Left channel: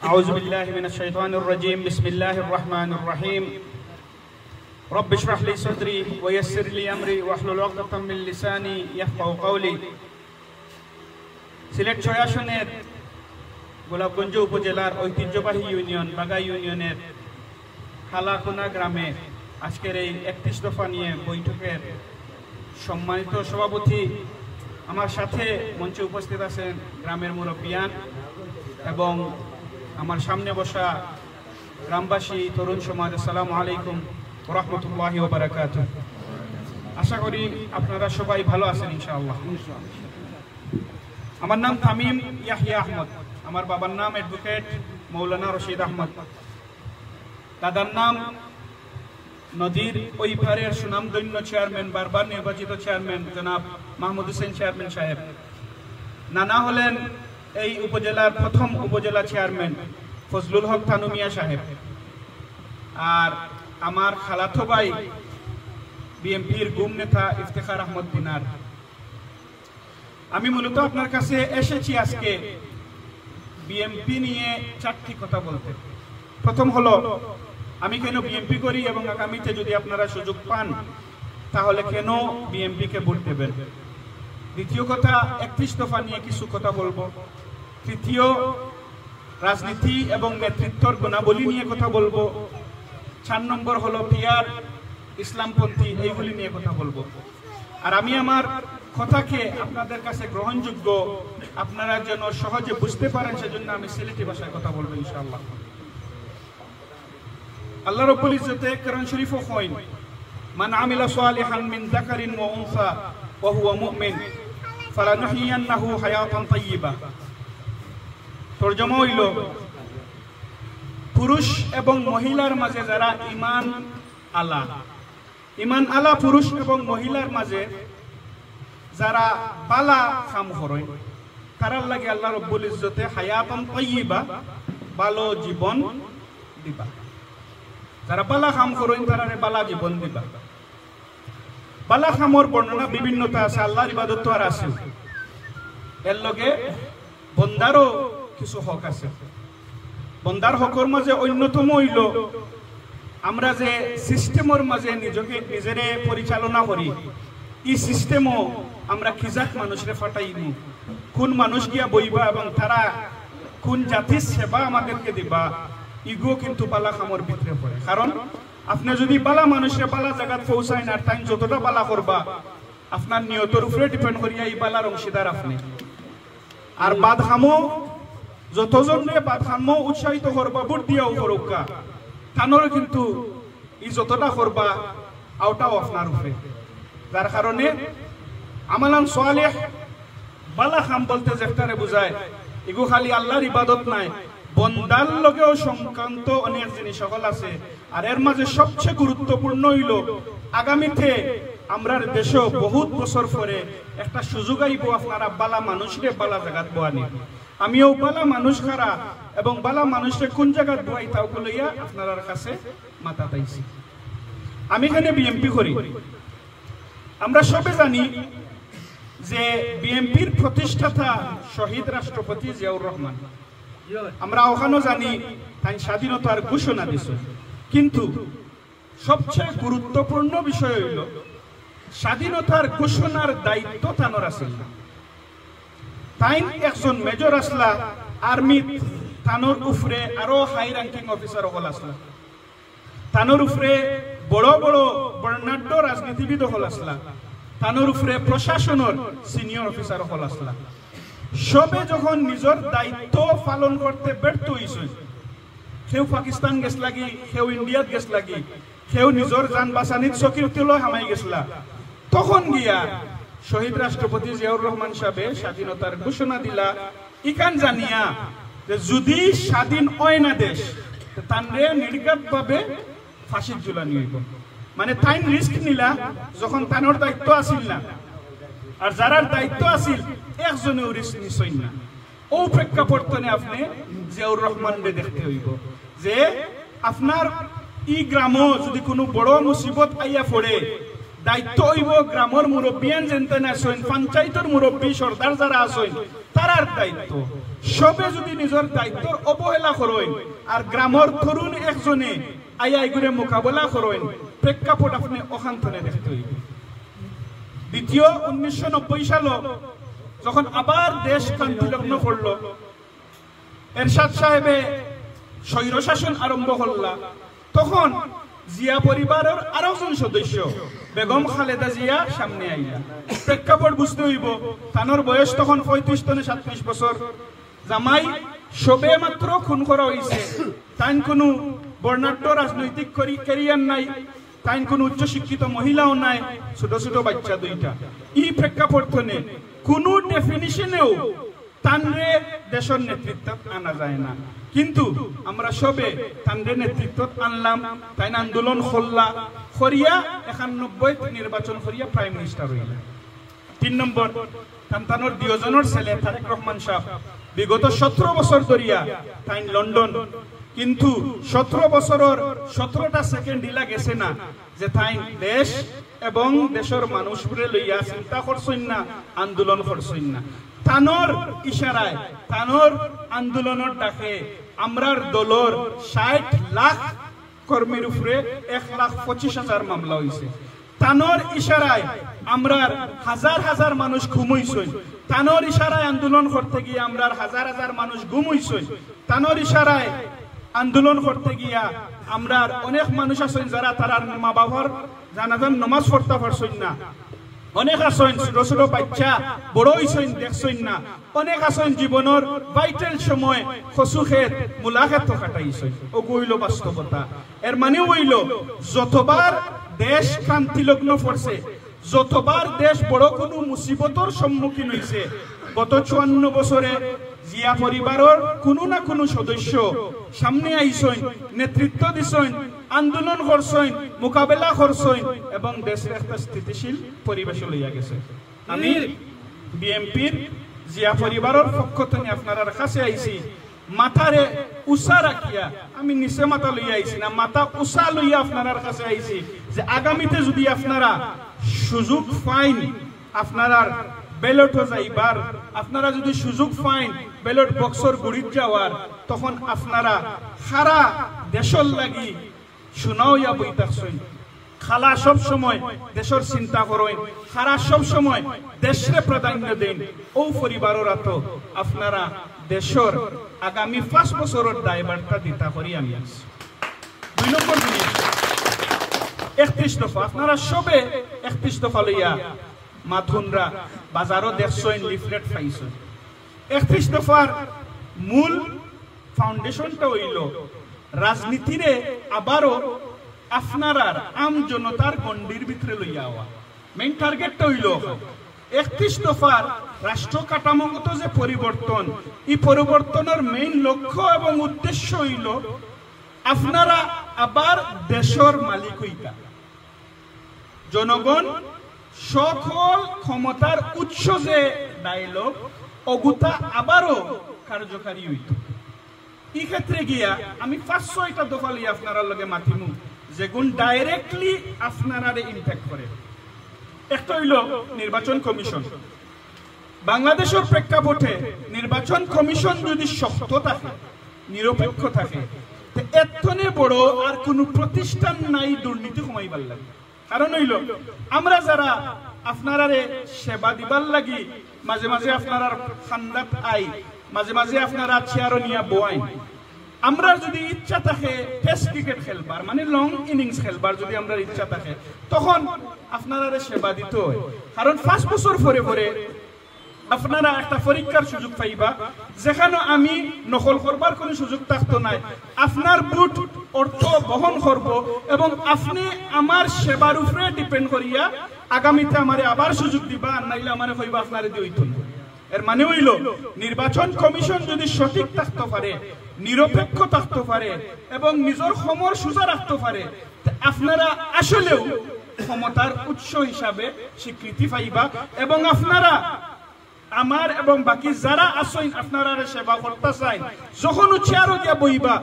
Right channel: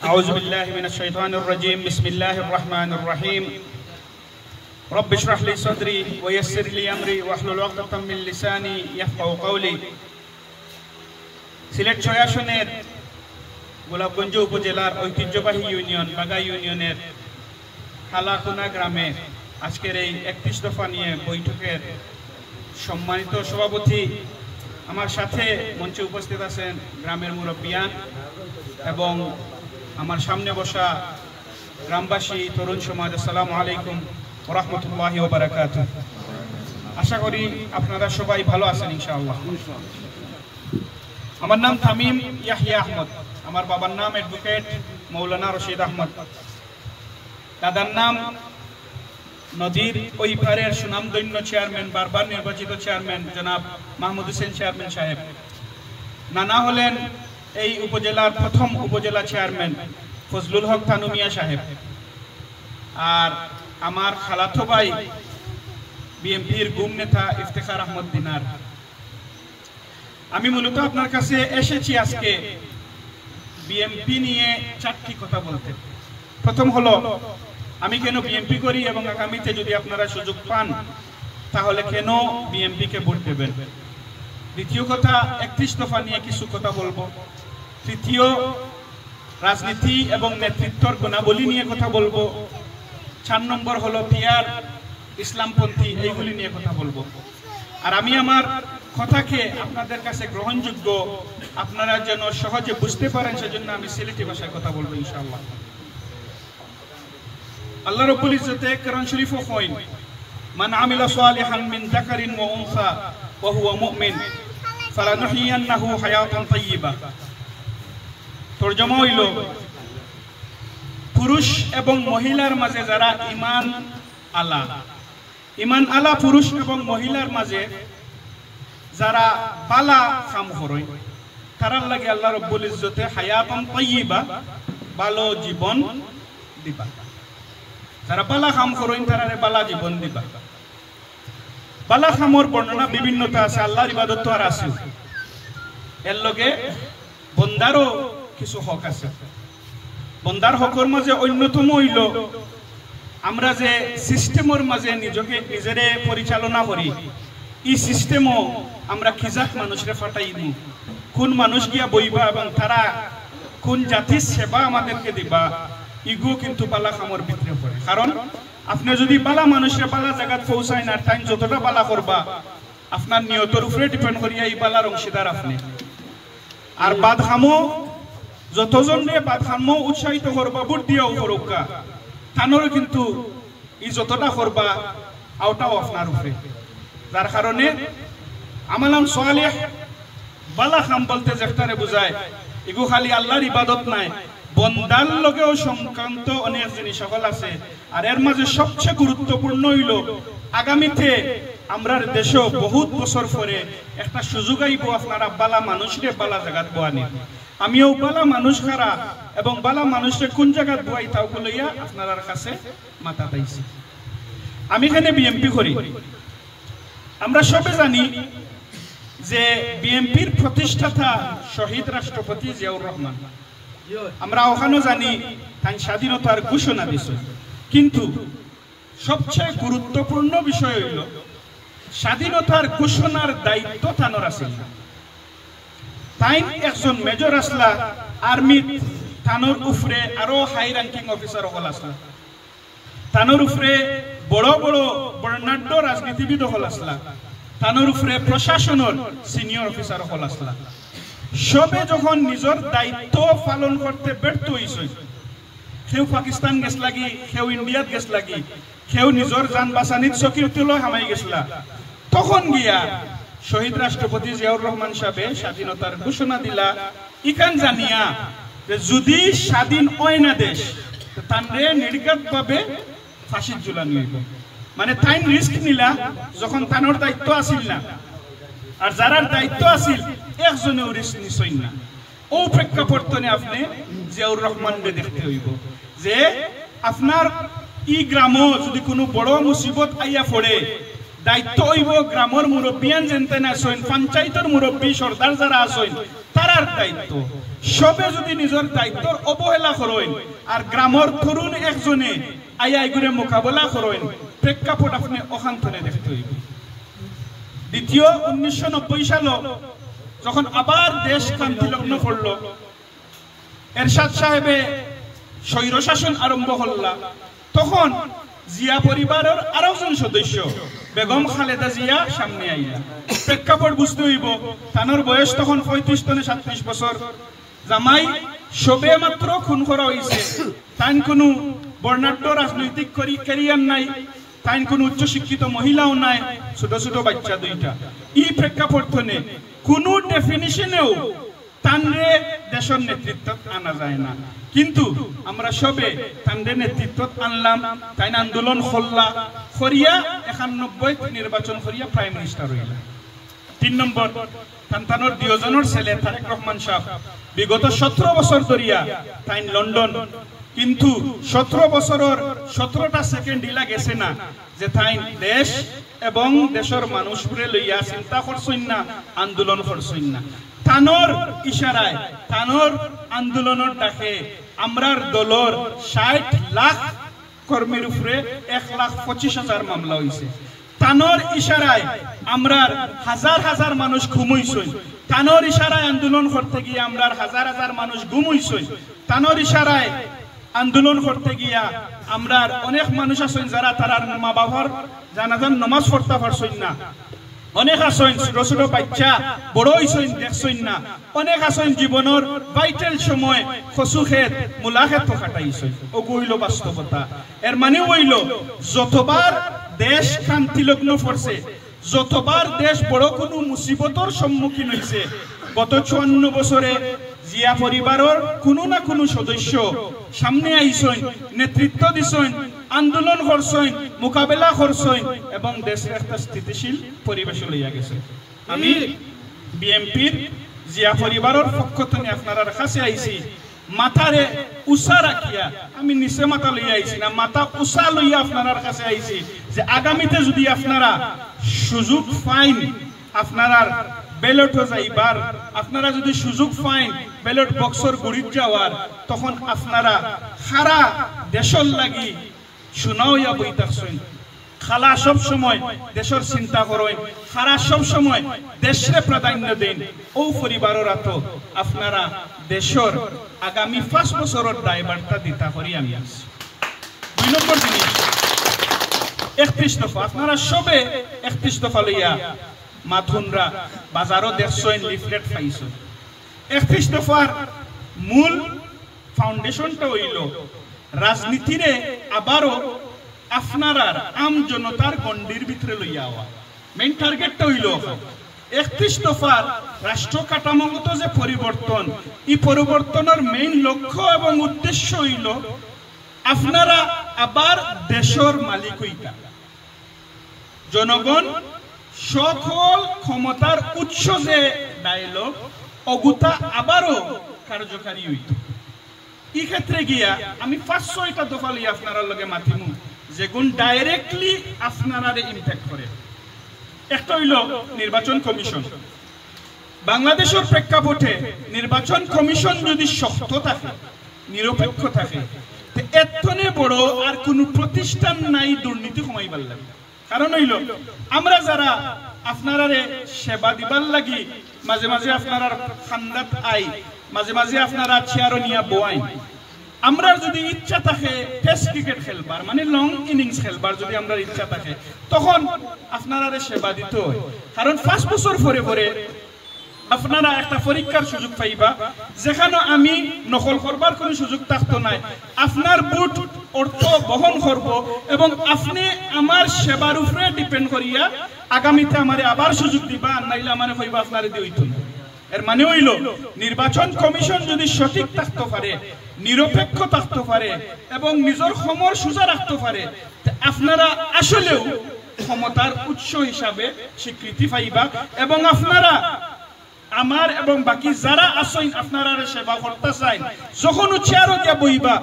أعوذ بالله من الشيطان الرجيم بسم الله الرحمن الرحيم رب اشرح لي صدري ويسر لي أمري واحلل عقدة من لساني يفقهوا قولي সিলেট ৬ আসনের গোলাপগঞ্জ উপজেলার ঐতিহ্যবাহী ইউনিয়ন বাগাই ইউনিয়নের হালাকুনা গ্রামে আজকের এই ৩১ দফা নিয়ে বৈঠকের সম্মানিত সভাপতি আমার সাথে মঞ্চে উপস্থিত আছেন গ্রামের মুরব্বিয়ান এবং আমার সামনে বসা গ্রামবাসী তরুণ সমাজ। আসসালামু আলাইকুম ওয়া রাহমাতুল্লাহি ওয়া বারাকাতুহু। আশা করি আপনারা সবাই ভালো আছেন ইনশাআল্লাহ। আমার নাম তামিম ইয়াহিয়া আহমদ, আমার বাবার নাম অ্যাডভোকেট মৌলানা রশিদ আহমদ, দাদার নাম নদীর ওই পারের সুনামধন্য চেয়ারম্যান, বারবার নির্বাচিত চেয়ারম্যান জনাব মাহমুদ হোসেন চেয়ারম্যান সাহেব। নানা হলেন এই উপজেলার প্রথম উপজেলা চেয়ারম্যান ফজলুল হক থানু মিয়া সাহেব। আর আমার খালাতো ভাই বিএনপির গুম নেতা ইফতেখার আহমদ দিনার। আমি মূলত আপনার কাছে এসেছি আজকে বিএনপি নিয়ে 4টি কথা বলতে। প্রথম হলো আমি কেন বিএনপি করি এবং আগামীতে যদি আপনারা সুযোগ পান তাহলে কেন বিএনপিকে ভোট দেবেন। দ্বিতীয় কথা 31 দফা নিয়ে কিছু কথা বলবো। তৃতীয় রাজনীতি এবং নেতৃত্বর গুণাবলী নিয়ে কথা বলবো। 4 নম্বর হলো পিয়ার ইসলামপন্থী, এইগুলি নিয়ে কথা বলবো। আর আমি আমার কথাকে আপনাদের কাছে গ্রহণযোগ্য আপনারা যেন সহজে বুঝতে পারেন সেজন্য আমি সিলেটি ভাষায় কথা বলবো ইনশাআল্লাহ। আল্লাহ রাব্বুল ইজ্জতে কোরআন শরীফে কইন মান আমিলা সালিহান মিন যাকারিন ওয়া উনসা ওয়া হুয়া মুমিন ফালানুহিয়ান্নাহু হায়াতান তাইয়্যিবা। তরজমা হইল পুরুষ এবং মহিলার মাঝে যারা ঈমান আলা পুরুষ এবং মহিলার মাঝে যারা বালা কাম করে তারার লাগে আল্লাহ রাব্বুল ইজ্জতে হায়াতান তাইয়্যিবা ভালো জীবন দিবা। যারা বালা কাম করেন তারারে বালা জীবন দিবা। বালা কামর বর্ণনা বিভিন্নতা আছে, আল্লাহর ইবাদত আর আছে, এর লগে বন্দারও কিছু হক আছে। বন্দার হকর মাঝে অন্যতম হইল আমরা যে সিস্টেমের মাঝে নিজেরে পরিচালনা করি, এই সিস্টেমও আমরা খিজাক মানুষরে ফাটাই দিই, কোন মানুষ গিয়া বইবা এবং তারা কোন জাতির সেবা আমাদেরকে দিবা, ইগো কিন্তু বালা কামর ভিতরে পড়ে। কারণ আপনি যদি বালা মানুষের বালা জায়গায় পৌঁছায় না, টাইম যতটা বালা করবা আপনার নিয়তের উপরে ডিপেন্ড করিয়া এই বালার অংশীদার আপনি। আর বাদহামো যতজন নিয়ে বাদহামো উৎসাহিত করবা ভোট দিয়াও করুকা, তানোরও কিন্তু এই যতটা করবা আওটাও আপনার উপরে। যার কারণে আমালান সালেহ বালা কাম বলতে যেটারে বোঝায় এগু খালি আল্লাহর ইবাদত নাই, বন্দার লগেও সংক্রান্ত অনেক জিনিস সকল আছে। আর এর মাঝে সবচেয়ে গুরুত্বপূর্ণ হইল আগামীতে আমরা দেশে বহুত বছর পরে একটা সুযোগ আইব আপনারা বালা মানুষরে বালা জায়গাত বয়ানি। আমিও বালা মানুষ খারা এবং বালা মানুষরে কোন জায়গাত বয়াই তাও লইয়া আপনার কাছে মাথা পাইছি। আমি এখানে বিএনপি করি। আমরা সবে জানি যে বিএনপির প্রতিষ্ঠাতা শহীদ রাষ্ট্রপতি জিয়াউর রহমান। আমরা ওখানেও জানি তাই স্বাধীনতার ঘোষণা দিয়েছে, কিন্তু সবচেয়ে গুরুত্বপূর্ণ বিষয় হইল স্বাধীনতার ঘোষণার দায়িত্ব তানোর আছে। তাই একজন মেজর আসলা আর্মিত, তানোর উপরে আরো হাই র্যাঙ্কিং অফিসার হল আসলা, তানোর উপরে বড় বড় বর্ণাঢ্য রাজনীতিবিদ হল আসলা, তানোর উপরে প্রশাসনের সিনিয়র অফিসার হল আসলা। সবে যখন নিজের দায়িত্ব পালন করতে ব্যর্থ হয়েছে, কেউ পাকিস্তান গেছ লাগি, কেউ ইন্ডিয়াত গেছ লাগি, কেউ নিজের যান বাঁচানিত চকির তুলো হামাই গেছলা, তখন গিয়া শহীদ রাষ্ট্রপতি জিয়াউর রহমান সাহেবে স্বাধীনতার ঘোষণা দিলা, ইকান জানিয়া যে যদি স্বাধীন হয় না দেশ তানরে নির্ঘাত ভাবে ফাঁসির ঝুলানি হইব। মানে তাইন রিস্ক নিলা যখন তানোর দায়িত্ব আসিল না, আর যারার দায়িত্ব আসিল একজনেও রিস্ক নিছই না। ও প্রেক্ষাপটনে আপনি জিয়াউর রহমানকে দেখতে হইব যে আপনার ই গ্রামও যদি কোনো বড় মুসিবত আইয়া পড়ে দায়িত্ব হইব গ্রামের মুরব্বিয়ান যেনতেন আসেন, পঞ্চায়েতের মুরব্বী সর্দার যারা আসেন তারার দায়িত্ব। সবে যদি নিজের দায়িত্বর অবহেলা করেন আর গ্রামের তরুণ একজনে আইয়াই করে মোকাবেলা করেন, প্রেক্ষাপট আপনি অখান্তরে দেখতে হইবে। দ্বিতীয়, 1990 সালে যখন আবার দেশ ক্রান্তিলগ্ন পড়ল, এরশাদ সাহেবে স্বৈরশাসন আরম্ভ করলা, তখন জিয়া পরিবারের আরো একজন সদস্য বেগম খালেদা জিয়া সামনে আইলা। প্রেক্ষাপট বুঝতে হইব, তানোর বয়স তখন 35-37 বছর, জামাই সবে মাত্র খুন করা হয়েছে, তাই কোনো বর্ণাঢ্য রাজনৈতিক ক্যারিয়ার নাই, তাই কোনো উচ্চশিক্ষিত মহিলাও নাই, ছোট ছোট বাচ্চা দুইটা। এই প্রেক্ষাপটনে কোনো ডেফিনিশনেও তানরে দেশের নেতৃত্ব আনা যায় না, কিন্তু আমরা সবে তানরে নেতৃত্ব আনলাম, তাই আন্দোলন করলা করিয়া 91 নির্বাচন করিয়া প্রাইম মিনিস্টার হইলা। 3 নম্বর, তানতানোর দুজনের ছেলে তারেক রহমান সাহেব বিগত 17 বছর ধরিয়া তাই লন্ডন, কিন্তু 17 বছরের 17টা সেকেন্ড ইলা গেছে না যে তাই দেশ এবং দেশের মানুষগুলো লইয়া চিন্তা করছেন না, আন্দোলন করছেন না। তানোর ইশারায়, তানোর আন্দোলনের ডাকে আমরার দলর 60 লাখ কর্মীর উপরে 1,25,000 মামলা হয়েছে। তানোর ইশারায় আমরার হাজার হাজার মানুষ ঘুমাইছেন, তানোর ইশারায় আন্দোলন করতে গিয়ে আমরার হাজার হাজার মানুষ ঘুমাইছেন, তানোর ইশারায় আন্দোলন করতে গিয়া আমরার অনেক মানুষ আছেন যারা তারার মা বাবার জানাজান নামাজ পড়তে পারছেন না, অনেক আছেন ছোট ছোট বাচ্চা বড় হইছেন দেখছেন না, অনেক আছেন জীবনের ভাইটাল সময় কচু ক্ষেত মূলা ক্ষেত কাটাইছেন। ও কইল বাস্তবতা। এর মানে হইল যতবার দেশ ক্রান্তিলগ্ন পড়ছে, যতবার দেশ বড় কোনো মুসিবতর সম্মুখীন হয়েছে, গত 54 বছরে জিয়া পরিবারের কোনো না কোনো সদস্য সামনে আইছেন, নেতৃত্ব দিছেন, আন্দোলন করছেন, মোকাবেলা করছেন এবং দেশের একটা স্থিতিশীল পরিবেশ লইয়া গেছে। আমি বিএমপির জিয়া পরিবারের পক্ষ থেকে আপনার কাছে আইছি, মাথারে উষা রাখিয়া, আমি নিচে মাথা লইয়া আইছি না, মাথা উষা লইয়া আপনার কাছে আইছি যে আগামীতে যদি আপনারা সুযোগ পাইন, আপনারা ব্যালট যাইবার, আপনারা যদি সুযোগ পাইন ব্যালট বক্সর গুড়িত যাওয়ার, তখন আপনারা সারা দেশের লাগি শুনাওয়া বই থাকছেন। খালা সব সময় দেশের চিন্তা করেন, খারা সব সময় দেশে প্রাধান্য দেন। ও পরিবারের তো আপনারা দেশের আগামী 5 বছরের দায়বার্তা দিতা করি আমি আছি। 2 নম্বর জিনিস, 31 দফা আপনারা সবে 31 দফা লইয়া মাথুনরা বাজারও দেখছেন, লিফলেট পাইছেন। 31 দফার মূল ফাউন্ডেশনটা হইল রাজনীতিরে আবারও আপনার আম জনতার গণ্ডির ভিতরে লইয়া হওয়া। মেইন টার্গেটটা হইল 31 দফার রাষ্ট্র কাঠামোগত যে পরিবর্তন, এই পরিবর্তনের মেইন লক্ষ্য এবং উদ্দেশ্য হইল আপনারা আবার দেশের মালিক হইতা, জনগণ সকল ক্ষমতার উৎস যে ডায়লগ অগুতা আবারও কার্যকারী হইত। এই ক্ষেত্রে গিয়া আমি 5-6টা দফা লিয়ে আপনার লগে মাতিমু যেগুন ডাইরেক্টলি আপনারা ইম্প্যাক্ট করে। একটা হইল নির্বাচন কমিশন। বাংলাদেশের প্রেক্ষাপটে নির্বাচন কমিশন যদি শক্ত থাকে, নিরপেক্ষ থাকে, এতনে বড় আর কোন প্রতিষ্ঠান নাই দুর্নীতি কমাইবার লাগে। কারণ হইল আমরা যারা আপনারা সেবা দিবার লাগি মাঝে মাঝে আপনারা খান্দাত আই, মাঝে মাঝে আপনারা চেয়ারও নিয়ে বোয়াই, আমরা যদি ইচ্ছা থাকে টেস্ট ক্রিকেট খেলবার মানে লং ইনিংস খেলবার যদি আমরা ইচ্ছা থাকে, তখন আপনারা সেবা দিতে হয়। কারণ 5 বছর পরে পরে আপনারা একটা পরীক্ষার সুযোগ পাইবা যেখানে আমি নকল করবার কোনো সুযোগ থাকতো নাই। আপনার বুট অর্থ বহন করব এবং আপনি আমার সেবার উপরে ডিপেন্ড করিয়া আগামীতে আমারে আবার সুযোগ দিবা, নাইলে আমারে হইবা আপনারে দিইত না। এর মানে হইল নির্বাচন কমিশন যদি সঠিক থাকতে পারে, নিরপেক্ষ থাকতে পারে এবং নিজের সমর সোজা রাখতে পারে, আপনারা আসলেও ক্ষমতার উৎস হিসাবে স্বীকৃতি পাইবা এবং আপনারা আমার এবং বাকি যারা আছেন আপনারা সেবা করতে চাই যখন চেয়ারও দিয়া বইবা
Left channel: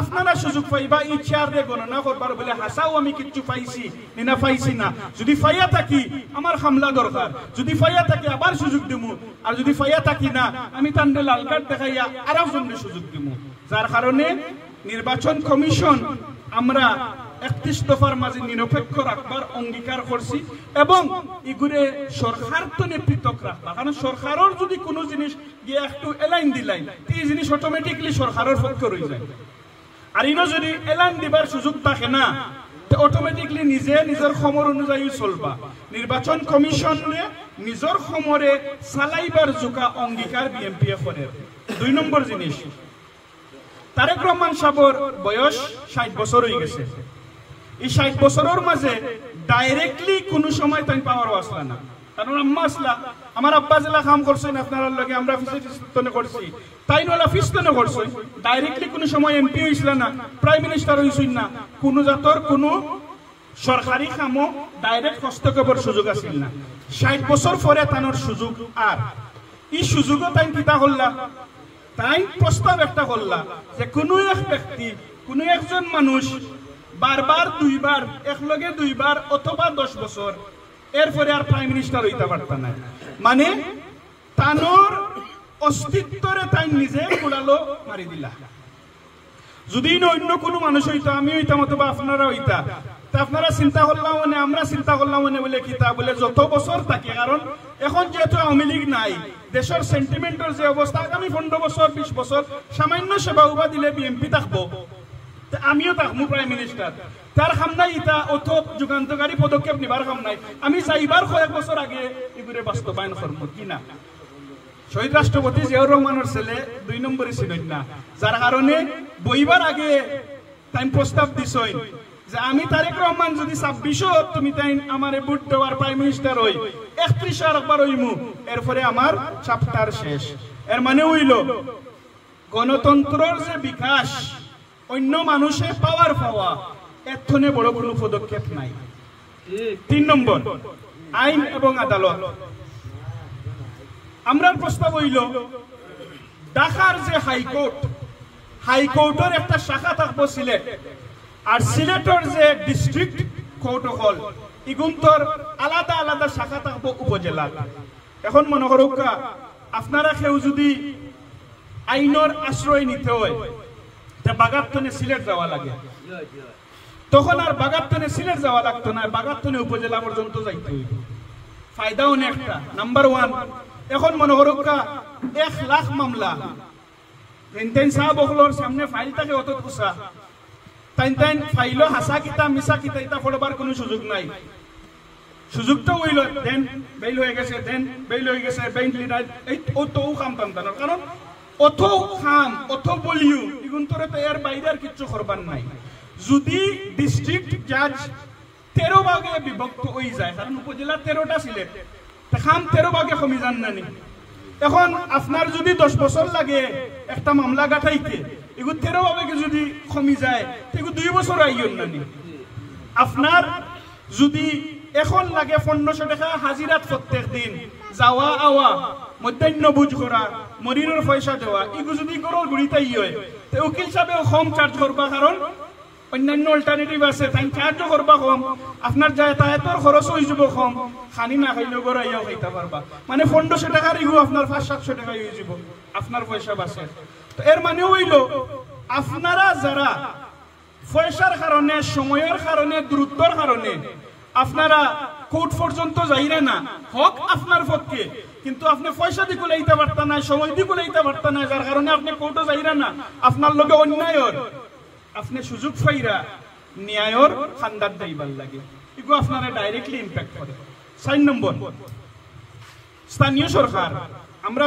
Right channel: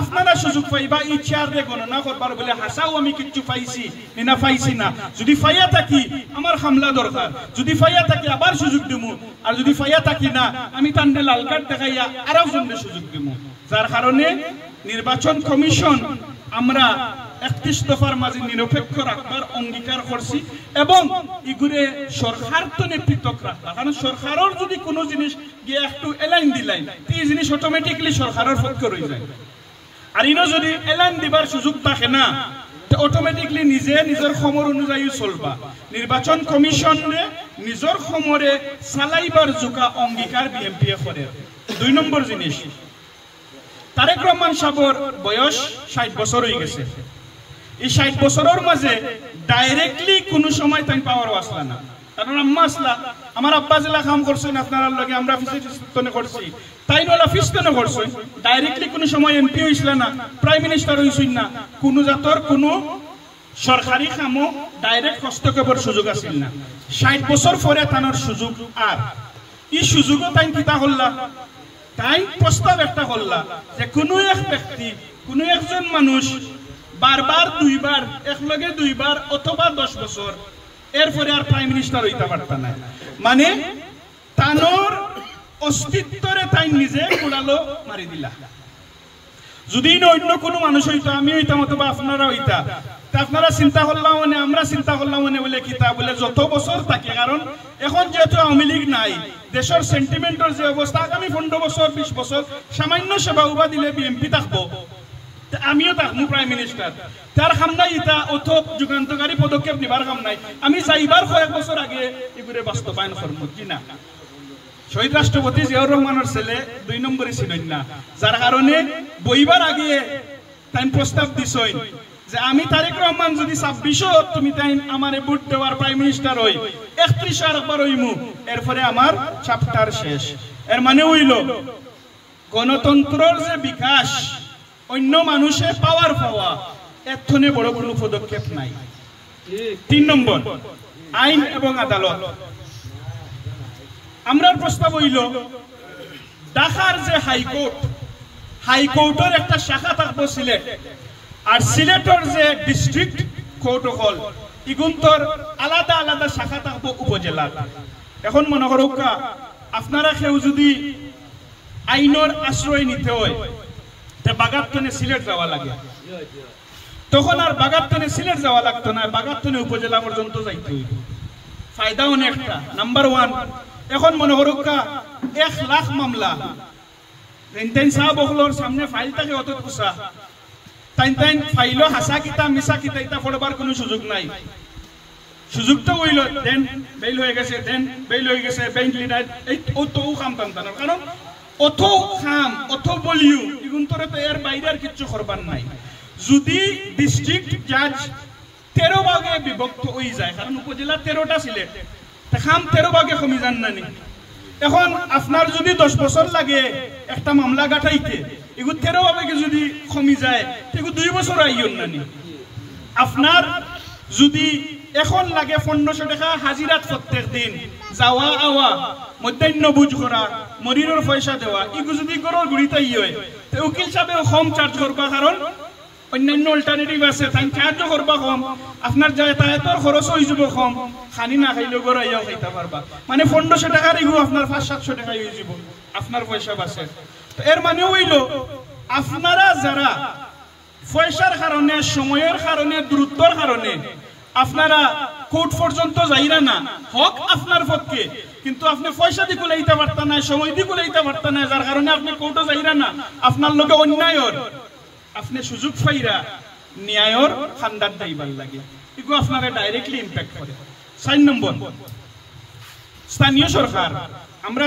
আপনারা সুযোগ পাইবা এই চেয়ারে গণনা করবার বলে হাসাও আমি কিচ্ছু পাইছি না পাইছি না যদি ফাইয়া থাকি আমার হামলা দরকার যদি ফাইয়া থাকি আবার সুযোগ দিমু আর যদি ফাইয়া থাকি না আমি তান্ডে লাল কার্ড দেখাইয়া আরো জনকে সুযোগ দিমু যার কারণে নির্বাচন কমিশন আমরা 31 দফার মাঝে নিরপেক্ষ রাখবার অঙ্গীকার করছি এবং এগুলো সরকার তো পৃথক রাখবা কারণ সরকারের যদি কোনো জিনিস গিয়ে একটু এলাইন দিলাই এই জিনিস অটোমেটিকলি সরকারের পক্ষে রয়ে যায় আর ইনো যদি এলাইন দিবার সুযোগ থাকে না তো অটোমেটিকলি নিজে নিজের সমর অনুযায়ী চলবা নির্বাচন কমিশনে নিজের সমরে চালাইবার জোকা অঙ্গীকার বিএনপি করে 2 নম্বর জিনিস তারেক রহমান সাহেবের বয়স 60 বছর হয়ে গেছে এই 60 বছরের মাঝে ডাইরেক্টলি কোনো সময় তাই পাওয়ার আসলা না কারণ আম্মা আসলা আমার আব্বা জেলা কাম করছেন আপনার লগে আমরা ফিস্টনে করছি তাই নলা ফিস্টনে করছে ডাইরেক্টলি কোনো সময় এমপি হইছিল না প্রাইম মিনিস্টার হইছেন না কোনো জাতর কোনো সরকারি কামও ডাইরেক্ট হস্তক্ষেপের সুযোগ আছিল না 60 বছর পরে তানোর সুযোগ আর এই সুযোগও তাই কিতা হল্লা তাই প্রস্তাব একটা করলা যে কোনো এক ব্যক্তি কোনো একজন মানুষ বারবার দুইবার একলগে দুইবার অথবা 10 বছর এরপরে আর প্রাইম মিনিস্টার হইতে পারত না মানে তানোর অস্তিত্বরে তাই নিজে কুড়ালো মারি দিলা যদি অন্য কোনো মানুষ হইতো আমি হইতাম অথবা আপনারা হইতা আপনারা চিন্তা করলাম মানে আমরা চিন্তা করলাম মানে বলে কিতা বলে যত বছর থাকে কারণ এখন যেহেতু আওয়ামী লীগ নাই দেশের সেন্টিমেন্টের যে অবস্থা আগামী 15 বছর 20 বছর সামান্য সেবা উবা দিলে বিএনপি থাকবো আমিও থাকবো প্রাইম মিনিস্টার তার কাম নাই এটা অত যুগান্তকারী পদক্ষেপ নিবার কাম নাই আমি চাইবার কয়েক বছর আগে এগুলো বাস্তবায়ন করবো কিনা শহীদ রাষ্ট্রপতি জিয়াউর রহমানের ছেলে 2 নম্বরে ছিলেন না যার কারণে বইবার আগে তাই প্রস্তাব দিছই যে আমি তারেক রহমান যদি 26 তুমি তাই আমারে ভোট দেওয়ার প্রাইম মিনিস্টার হই 31 আর একবার হইমু এরপরে আমার চ্যাপ্টার শেষ এর মানে হইল গণতন্ত্রের যে বিকাশ অন্য মানুষে পাওয়ার পাওয়া এতনে বড় কোনো পদক্ষেপ নাই 3 নম্বর আইন এবং আদালত আমরার প্রস্তাব হইল ঢাকার যে হাইকোর্টের একটা শাখা থাকবো সিলেট আর সিলেটের যে ডিস্ট্রিক্ট কোর্ট হল ইগুন্তর আলাদা আলাদা শাখা থাকবো উপজেলা এখন মনে করুক আপনারা কেউ যদি আইনের আশ্রয় নিতে হয় বাগাতনে সিলেট যাওয়া লাগে তখন আর বাগাতনে সিলেট যাওয়া লাগতো না বাগাতনে উপজেলা পর্যন্ত যাইতে হইত ফায়দা অনেকটা নাম্বার 1 এখন মনে করুক 1 লাখ মামলা তেন সাহেব হলর সামনে ফাইল থাকে অত কুসা তাইন ফাইলো হাসা কিতা মিশা কিতা এটা পড়বার কোনো সুযোগ নাই সুযোগটা হইল দেন বেইল হয়ে গেছে বেইল লিডার এই তো কাম টানতানোর কারণ অত খাম অত বলিও ইগুন্তরে তো এর বাইরে আর কিছু করবার নাই যদি ডিস্ট্রিক্ট জাজ 13 ভাগে বিভক্ত হয়ে যায় কারণ উপজেলা 13টা সিলেট তা খাম 13 ভাগে কমি যান না এখন আপনার যদি 10 বছর লাগে একটা মামলা গাঠাইতে এগু 13 ভাগে যদি কমি যায় এগু 2 বছর আইয়ন না আপনার যদি এখন লাগে 1500 টাকা হাজিরাত প্রত্যেক দিন যাওয়া আওয়া মধ্যাহ্ন বুঝ করা মরিরের পয়সা দেওয়া এগু যদি গরর গুড়িতাই হয় তো উকিল সাহেব কম চার্জ করবা কারণ অন্যান্য অল্টারনেটিভ আছে তাই চার্জ করবা কম আপনার যাতায়াতের খরচ হয়ে যাব কম খানি না খাইলেও গড় আইয়াও খাইতে পারবা মানে 1500 টাকার এগু আপনার 500-700 টাকা হয়ে যাব আপনার পয়সা বাঁচে তো এর মানে হইল আপনারা যারা পয়সার কারণে সময়ের কারণে দ্রুতর কারণে আপনারা কোর্ট পর্যন্ত যাইরা না হক আপনার পক্ষে কিন্তু আপনি পয়সা দিয়ে কুলাইতে পারতেন না সময় দিয়ে কুলাইতে পারতেন না যার কারণে আপনি কোর্টও যাইরা না আপনার লগে অন্যায়র আপনি সুযোগ পাইরা ন্যায়র খান্দার দাইবার লাগে এগুলো আপনাকে ডাইরেক্টলি ইম্প্যাক্ট করে 4 নম্বর স্থানীয় সরকার আমরা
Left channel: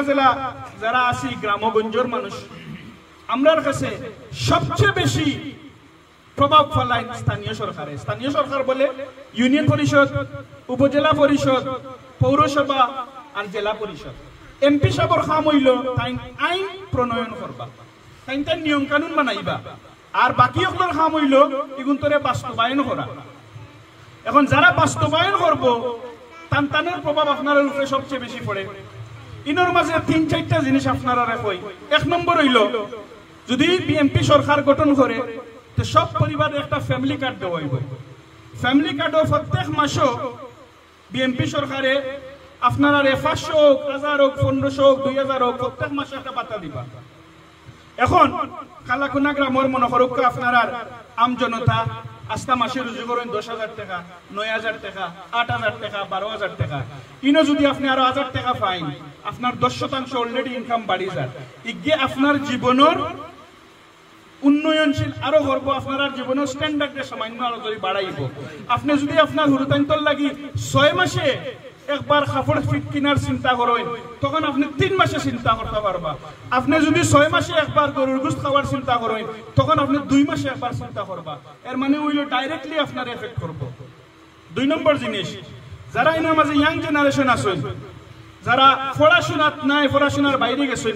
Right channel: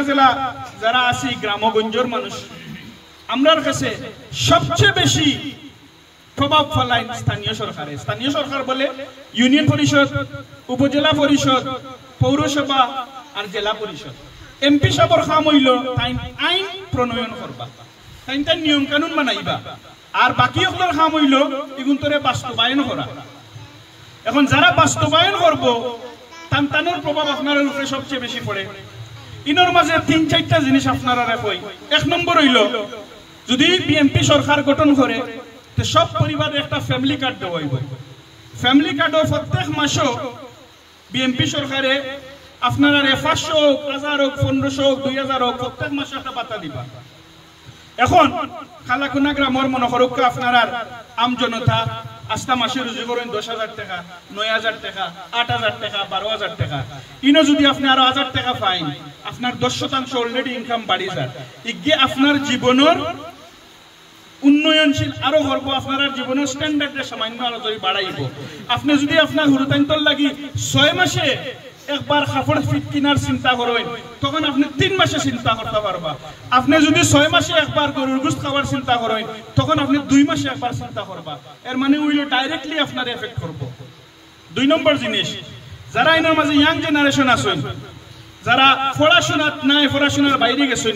যারা আছি গ্রামগঞ্জের মানুষ আমরার কাছে সবচেয়ে বেশি প্রভাব ফেলায় স্থানীয় সরকার বলে ইউনিয়ন পরিষদ উপজেলা পরিষদ পৌরসভা আর জেলা পরিষদ এমপি সাহেবের কাম হইল তাই আইন প্রণয়ন করবা তাই নিয়ম কানুন বানাইবা আর বাকি সকলের কাম হইল এগুন্তরে বাস্তবায়ন করা এখন যারা বাস্তবায়ন করব তানের প্রভাব আপনার উপরে সবচেয়ে বেশি পড়ে ইনোর মাঝে 3-4টা জিনিস আপনারা কই। এক নম্বর হইল, যদি বিএনপি সরকার গঠন করে তো সব পরিবারে একটা ফ্যামিলি কার্ড দেওয়া হইব। ফ্যামিলি কার্ডও প্রত্যেক মাসও বিএনপি সরকারে আপনারা 500 হোক, 1000 হোক, 1500 হোক, 2000 হোক, প্রত্যেক মাসে একটা বাতা দিবা। এখন খালাকুনা গ্রামের মনে করুক আপনারা আম জনতা আস্তা মাসে রুজি করেন 10,000 টাকা, 9,000 টাকা, 8,000 টাকা, 12,000 টাকা। ইনো যদি আপনি আরো 1000 টাকা পাইন, আপনার 10% অলরেডি ইনকাম বাড়ি যায়। ইগে আপনার জীবনের উন্নয়নশীল আরো করব, আপনার জীবনের স্ট্যান্ডার্ডের সামান্য আরো যদি বাড়াইব। আপনি যদি আপনার হুরুতাইন্তর লাগি 6 মাসে একবার কাপড় ফিট কিনার চিন্তা করেন, তখন আপনি 3 মাসে চিন্তা করতে পারবা। আপনি যদি 6 মাসে একবার গরুর গোশত খাওয়ার চিন্তা করেন, তখন আপনি 2 মাসে একবার চিন্তা করবা। এর মানে উইল ডাইরেক্টলি আপনার এফেক্ট করব। 2 নম্বর জিনিস, যারা এর মাঝে ইয়াং জেনারেশন আছেন, যারা পড়াশোনাত নাই, পড়াশোনার বাইরে গেছেন,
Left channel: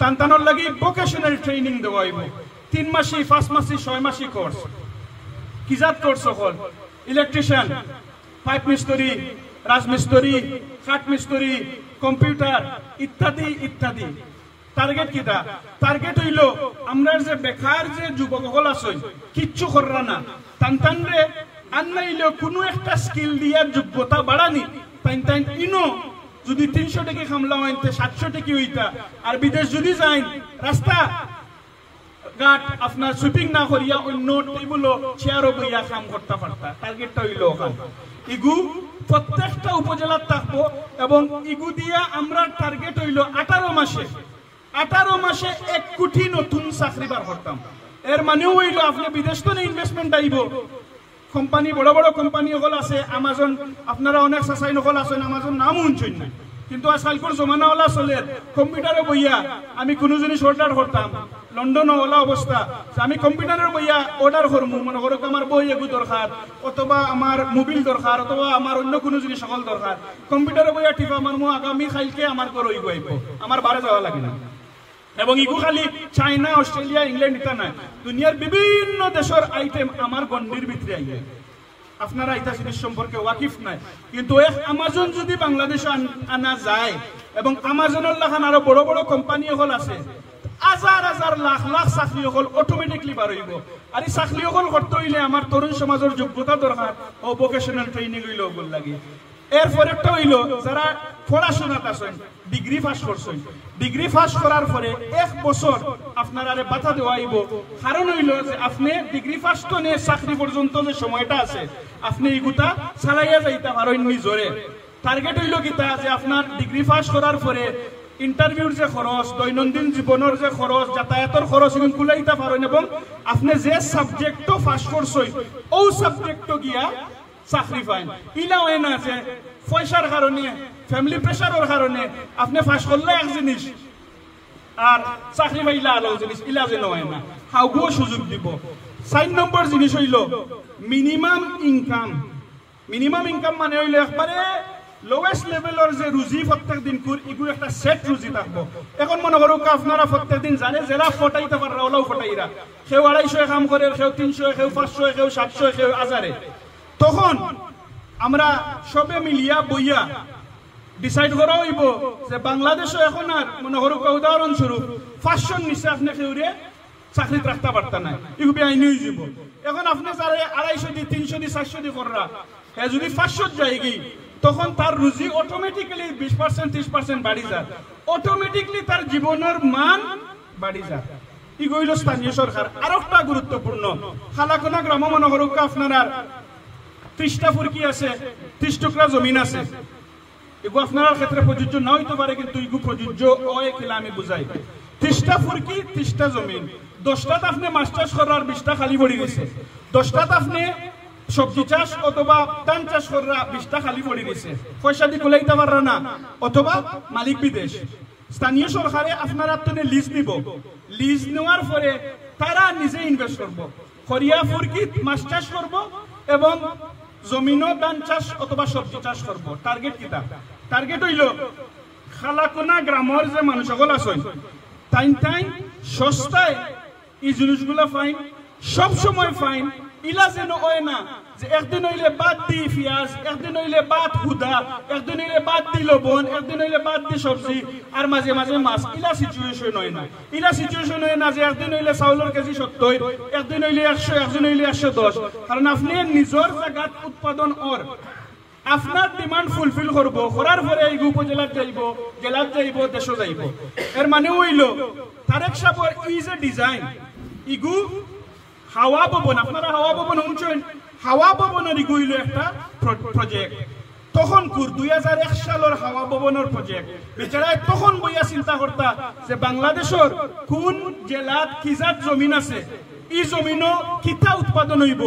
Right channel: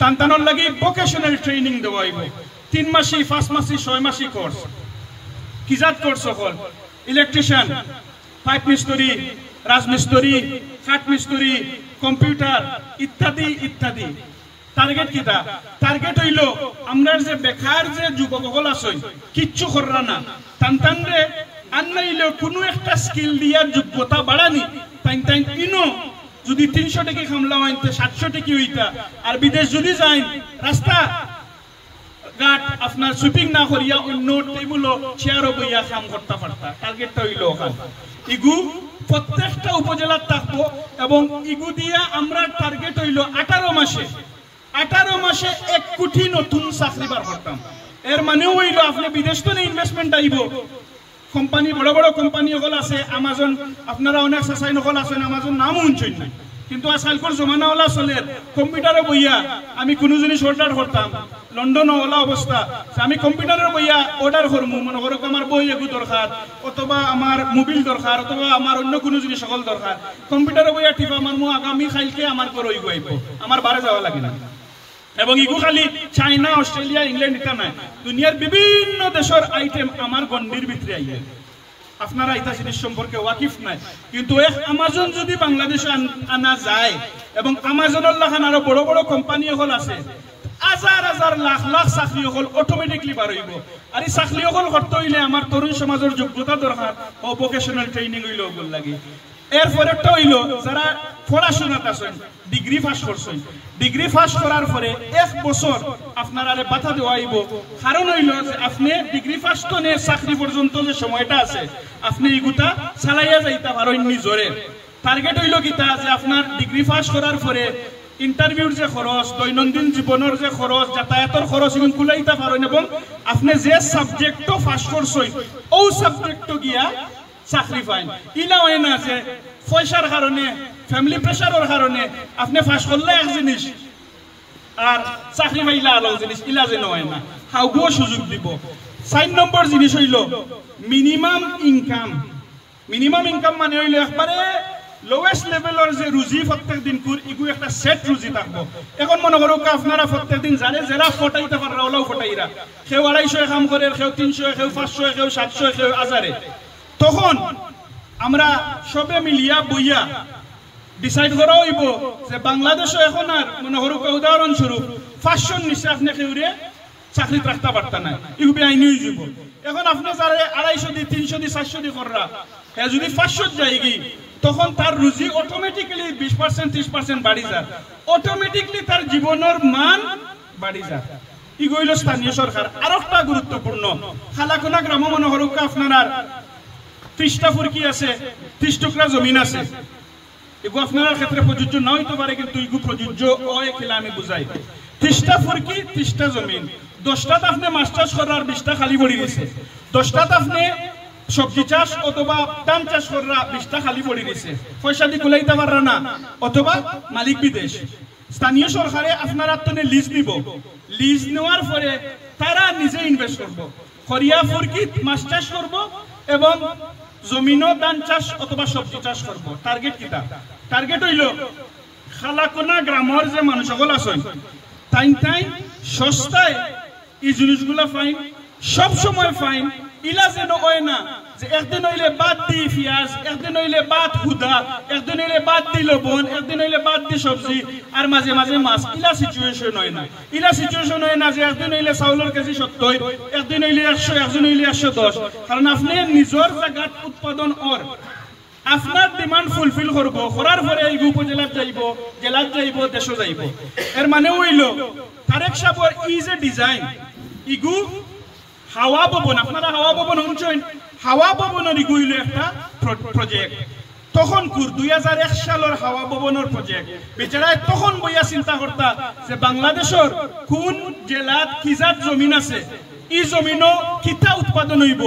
তানতানোর লাগি ভোকেশনাল ট্রেনিং দেওয়া হইব। 3 মাসি, 5 মাসি, 6 মাসি কোর্স। কিজাত কোর্স হল ইলেকট্রিশিয়ান, পাইপ মিস্ত্রি, রাজমিস্ত্রি, কাঠ মিস্ত্রি, কম্পিউটার ইত্যাদি ইত্যাদি। টার্গেট কিটা? টার্গেট হইল আমরা যে বেকার যে যুবক সকল আছেন, কিচ্ছু কররা না, তানতানরে আনাইলেও কোনো একটা স্কিল দিয়ার যোগ্যতা বাড়ানি। তাই ইনো যদি 300 টাকা খামলা হইতে 700 টাকা হইতা, আর বিদেশ যদি যাই রাস্তা ঘাট আপনার শুটিং না করিয়া অন্য টেবিলও চেয়ারও বইয়া কাম করতে পারতা। টার্গেটটা হইল ওখান। ইগু প্রত্যেকটা উপজেলার থাকবো এবং ইগু দিয়া আমরা টার্গেট হইল 18 মাসে 1 কোটি নতুন চাকরি বার করতাম। এর মানেও হইল আপনি বিদেশ তো ইনভেস্টমেন্ট আইব। কোম্পানি বড় বড় কোম্পানি সকল আছে, আমাজন আপনারা অনেক সাসাই নকল আছেন, আমাজন নাম শুনছেন না, কিন্তু আজকালকার জমানাওয়ালা চলে কম্পিউটারে বইয়া আমি কোনো জিনিস অর্ডার করতাম, লন্ডন ওলা অবস্থা আমি কম্পিউটারের বইয়া অর্ডার করবো, মনে করো আমার বই এগু দরকার, অথবা আমার মোবিল দরকার, অথবা আমার অন্য কোনো জিনিস সকল দরকার, কম্পিউটারে বইয়া টিপা আমার আগামী খাইলকে আমার করে ইগু আইব, আমার বারে যাওয়া লাগে না। এবং ইগু খালি চাইনা, অস্ট্রেলিয়া, ইংল্যান্ড ইতা নাই, দুনিয়ার বিভিন্ন দেশের আইটেম আমার গন্ডির ভিতরে আইবে। আপনারা এটা জিনিস সম্পর্কে ওয়াকিফ নাই, কিন্তু আমাজন যদি বাংলাদেশে আনা যায় এবং আমাজনের লাখান আরো বড় বড় কোম্পানি হল আছে, হাজার হাজার লাখ লাখ চাকরি হল অটোমেটিকলি বার হইব। আর এই চাকরি হল করতে হইলে আমার তরুণ সমাজের যোগ্যতা দরকার ও ভোকেশনাল ট্রেনিং হইল ওগুলো লাগে। এরপর একটা হইল যারা পড়াশোনাত আছেন, ডিগ্রি পাস করছেন, ডিগ্রি পাস করার পরে 1 বছর আপনার আরে বাধা দেওয়া হইব। কারণ হইল যে আপনি ডিগ্রি পাস তো নিয়ে চাকরি পর্যন্ত যে সময়টা আছে আপনি এগুতা চালাইয়া যাইতে পারেন নিজরে। টার্গেট হইল কিতা যে আপনার ডিগ্রি পাস করার পরে ইন্টারভিউর যে খরচ, দৈনন্দিন জীবনের যে খরচ, যাতায়াতের খরচ এগুলো কুলাইতে পারেন এবং আপনি যে সাবজেক্ট পাস করছেন ও সাবজেক্ট গিয়া চাকরি পাইন। ইলা হয় না যে পয়সার কারণে, ফ্যামিলি প্রেশারের কারণে আপনি পাস করলে এক জিনিস আর চাকরি পাইলা আলো জিনিস, ইলা যেন হয় না, হাউগুও সুযোগ দিব। 4 নম্বর জিনিস হইল মিনিমাম ইনকাম। মিনিমাম ইনকাম মানে হইল একবারে লোয়েস্ট লেভেলের যে রুজি প্রত্যেক দিন ইগু একটা সেট রুজি থাকবো। এখন মনে করো আপনারা প্রত্যেক দিন জানে যারা ফটাইতে পারে ওলাও ফটাইরা, কেউ 250 কাম করে, কেউ 300, কেউ 500, কেউ 700, কেউ 1000। তখন আমরা সবে মিলিয়া বইয়া ডিসাইড করা হইব যে বাংলাদেশে এখন আর মনে করো উদাহরণস্বরূপ 500 নিচে আপনি কেউরে চাকরি রাখতে পারতেন না, ইউবি আইনি হয়ে যাব। এখন আপনি যারা 250 দিয়ে 300 দিয়ে 400 দিয়ে কররা, হ্যাঁ যদি 500 যায় কি তখন তার রুজি অটোমেটিক্যালি 20% 30% বাড়ি যায়, অটোমেটিক্যালি তার জীবনের মান বাড়ি যায়। ইগইল স্থানীয় সরকার। আর একটা গুরুত্বপূর্ণ, খালাকুনা গ্রাম মনে করো আপনারা 30টা ফুরকি আছে, 30 টুকরা জমিন আছে, এগু আপনার ক্ষেত্রে প্রযোজ্য না হইতে পারে, কিন্তু এগু প্রযোজ্য হয় খেলা আমি বুঝাই। 30টা ফুরকি, 30টা জমিন, 10টাতে আপনি মাছ চাষ করার 20টা খালি পড়ে গেছে, 10টাতে আপনি সবজি চাষ অথবা ধান চাষ করার 20টা খালি পড়ে গেছে, পয়সা দিয়ে কুলাইতে পাররা না, অথবা মালিক বিদেশ। স্থানীয় সরকারে আপনার আপনি লিজ নিব, লিজ নেওয়ার পরে তারা নিজে ইনভেস্ট করবো, করিয়া ফুরকি মাছ চাষ করব এবং জমিনও ধান চাষ অথবা সবজি চাষ করবো। টার্গেট কিতা? টার্গেট হইল খালাকুনা গ্রামের যে মানুষ সকল আছেন তাই সস্তায় এই জিনিসগুলা ফাইন, সব সময় ফাইন, ইলা যেন হয় না যে একদিন হইলে বাদ দি পেঁয়াজ, একদিন হইলে বাদ হুদা, একদিন হইলে বাদ দি লবণ, একদিন হইলে বাদ দি সবজি, আর মাঝে মাঝে মাছ। ইলা সিচুয়েশন হয় না। ইলা সিচুয়েশন হয় না যে একদিন হইলে চাউলের কেজি 70, একদিন হইলে 100, একদিন হইলে 110। কারণ আপনি নিজের জায়গাত উৎপাদন আপনার ডিমান্ড ফুলফিল করবো, করার পরে এই উপজেলার যাইব, জেলার যাইব, দেশও যাইব। এর মানে হইল তারেক সাহেবের ইজ এ ডিজাইন ইগু হাওয়া ভবন, আপনারা হাওয়া ভবন শুনছেন, হাওয়া ভবনের ইগু হইল একটা প্রজেক্ট। তখন 2001 সালের হাওয়া ভবনের প্রজেক্ট বেচারায় তখন বইয়া চিন্তা করতা যে বাংলাদেশের কোন জেলাত কিজাত জমিন আছে, এই জমিনও কিতা উৎপাদন হইব,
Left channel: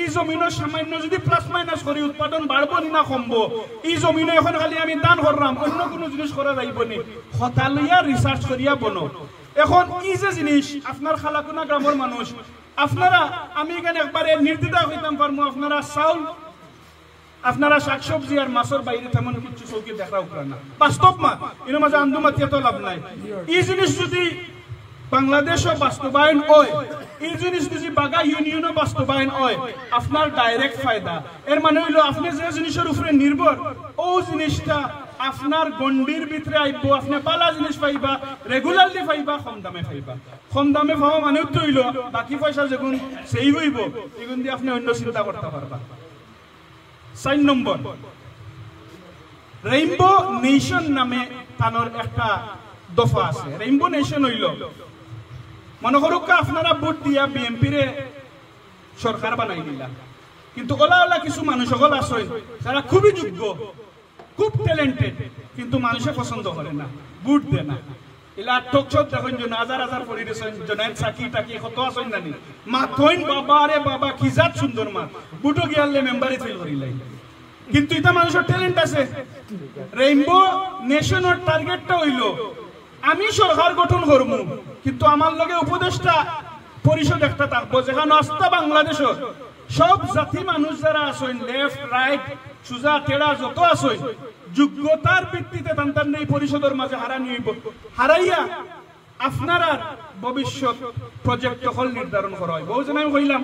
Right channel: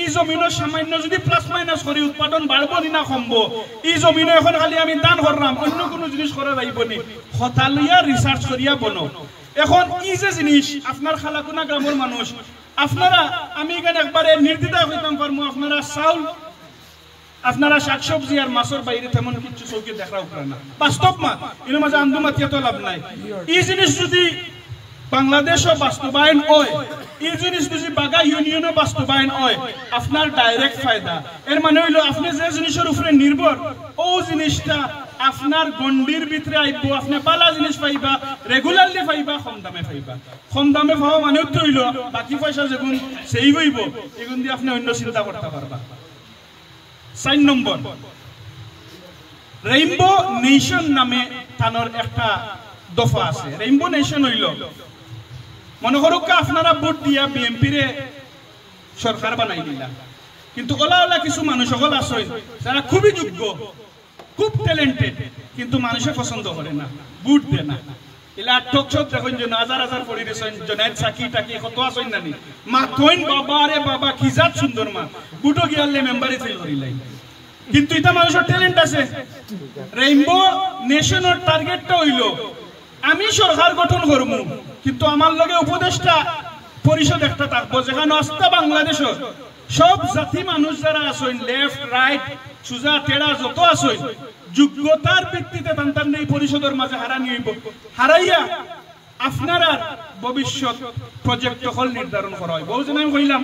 এই জমিনও সামান্য যদি প্লাস মাইনাস করি উৎপাদন বাড়বো না কমবো, এই জমিনও এখন খালি আমি দান করলাম, অন্য কোনো জিনিস করা যাইব নি, হতা লইয়া রিসার্চ করিয়া বনো। এখন এই যে জিনিস আপনার খালাকুনা গ্রামের মানুষ, আপনারা আমি এখানে একবারে নির্দ্বিধায় হইতাম পারবো, আপনারা চাউল, আপনারা শাকসবজি আর মাছের বাইরে তেমন কিছু চৌকি দেখাও না, বাস্তব মা এর মাঝে আন্দোমাতিয়া তো লাভ নাই। এই জিনিস যদি বাংলাদেশও বাস্তবায়ন হয়, এই জিনিস যদি বাগা ইউনিয়নও বাস্তবায়ন হয়, আপনার ডাইরেক্ট ফায়দা। এর মানে হইল আপনি যে জিনিসের উপরে নির্ভর, ও জিনিসটা আপনার গন্ডির ভিতরে আইব, আপনি পালা জিনিস পাইবা, রেগুলারলি পাইবা, কম দামে পাইবা। কম দামে পাওয়া মানে তো হইল বাকি পয়সা যেগুন সেই হইব, এগুন দিয়ে আপনি অন্য চিন্তা করতে পারবা। 4 নম্বর, রেইনবো নেশন নামে তানোর একটা দফা আছে। রেইনবো নেশন হইল মনে করুক আপনারা ভোট দিয়া বিএনপি রে সরকার বানাই দিলা, কিন্তু ওলা ওলা কিছু মানুষ সকল আসেন যারা খুবই যোগ্য, খুব ট্যালেন্টেড, কিন্তু মানুষে পছন্দ করে না, ভোট দেয় না। এলা টক চক দেখুন যে হাজার হাজার পড়ি দিয়েছেন, জনায়েত সাকি টাকি কত আসেন নানি মা থইন, বাবা রে বাবা কি জাত সুন্দর মা, বুটো গিয়ালে মেম্বারে ফেল করিলাই, কিন্তু এটা মানুষের ট্যালেন্ট আছে। রেইনবো নেশনের টার্গেটটা হইল আমি সরকার গঠন করবো, কিন্তু আমার লগে উপদেষ্টা পরিষদ একটা থাকবো, যেখানে আস্থা বাংলাদেশের সব জাতি মানুষ যারা আছেন, লেফট রাইট সুজা টেড়া যত আছেন, যোগ্যতার ভিত্তিতে তান্তার এই পরিষদের মাঝে হারাইয়া আপনার ভবিষ্যৎ প্রজেক্ট হল নির্ধারণ করা হয়। বহুজন আমি কইলাম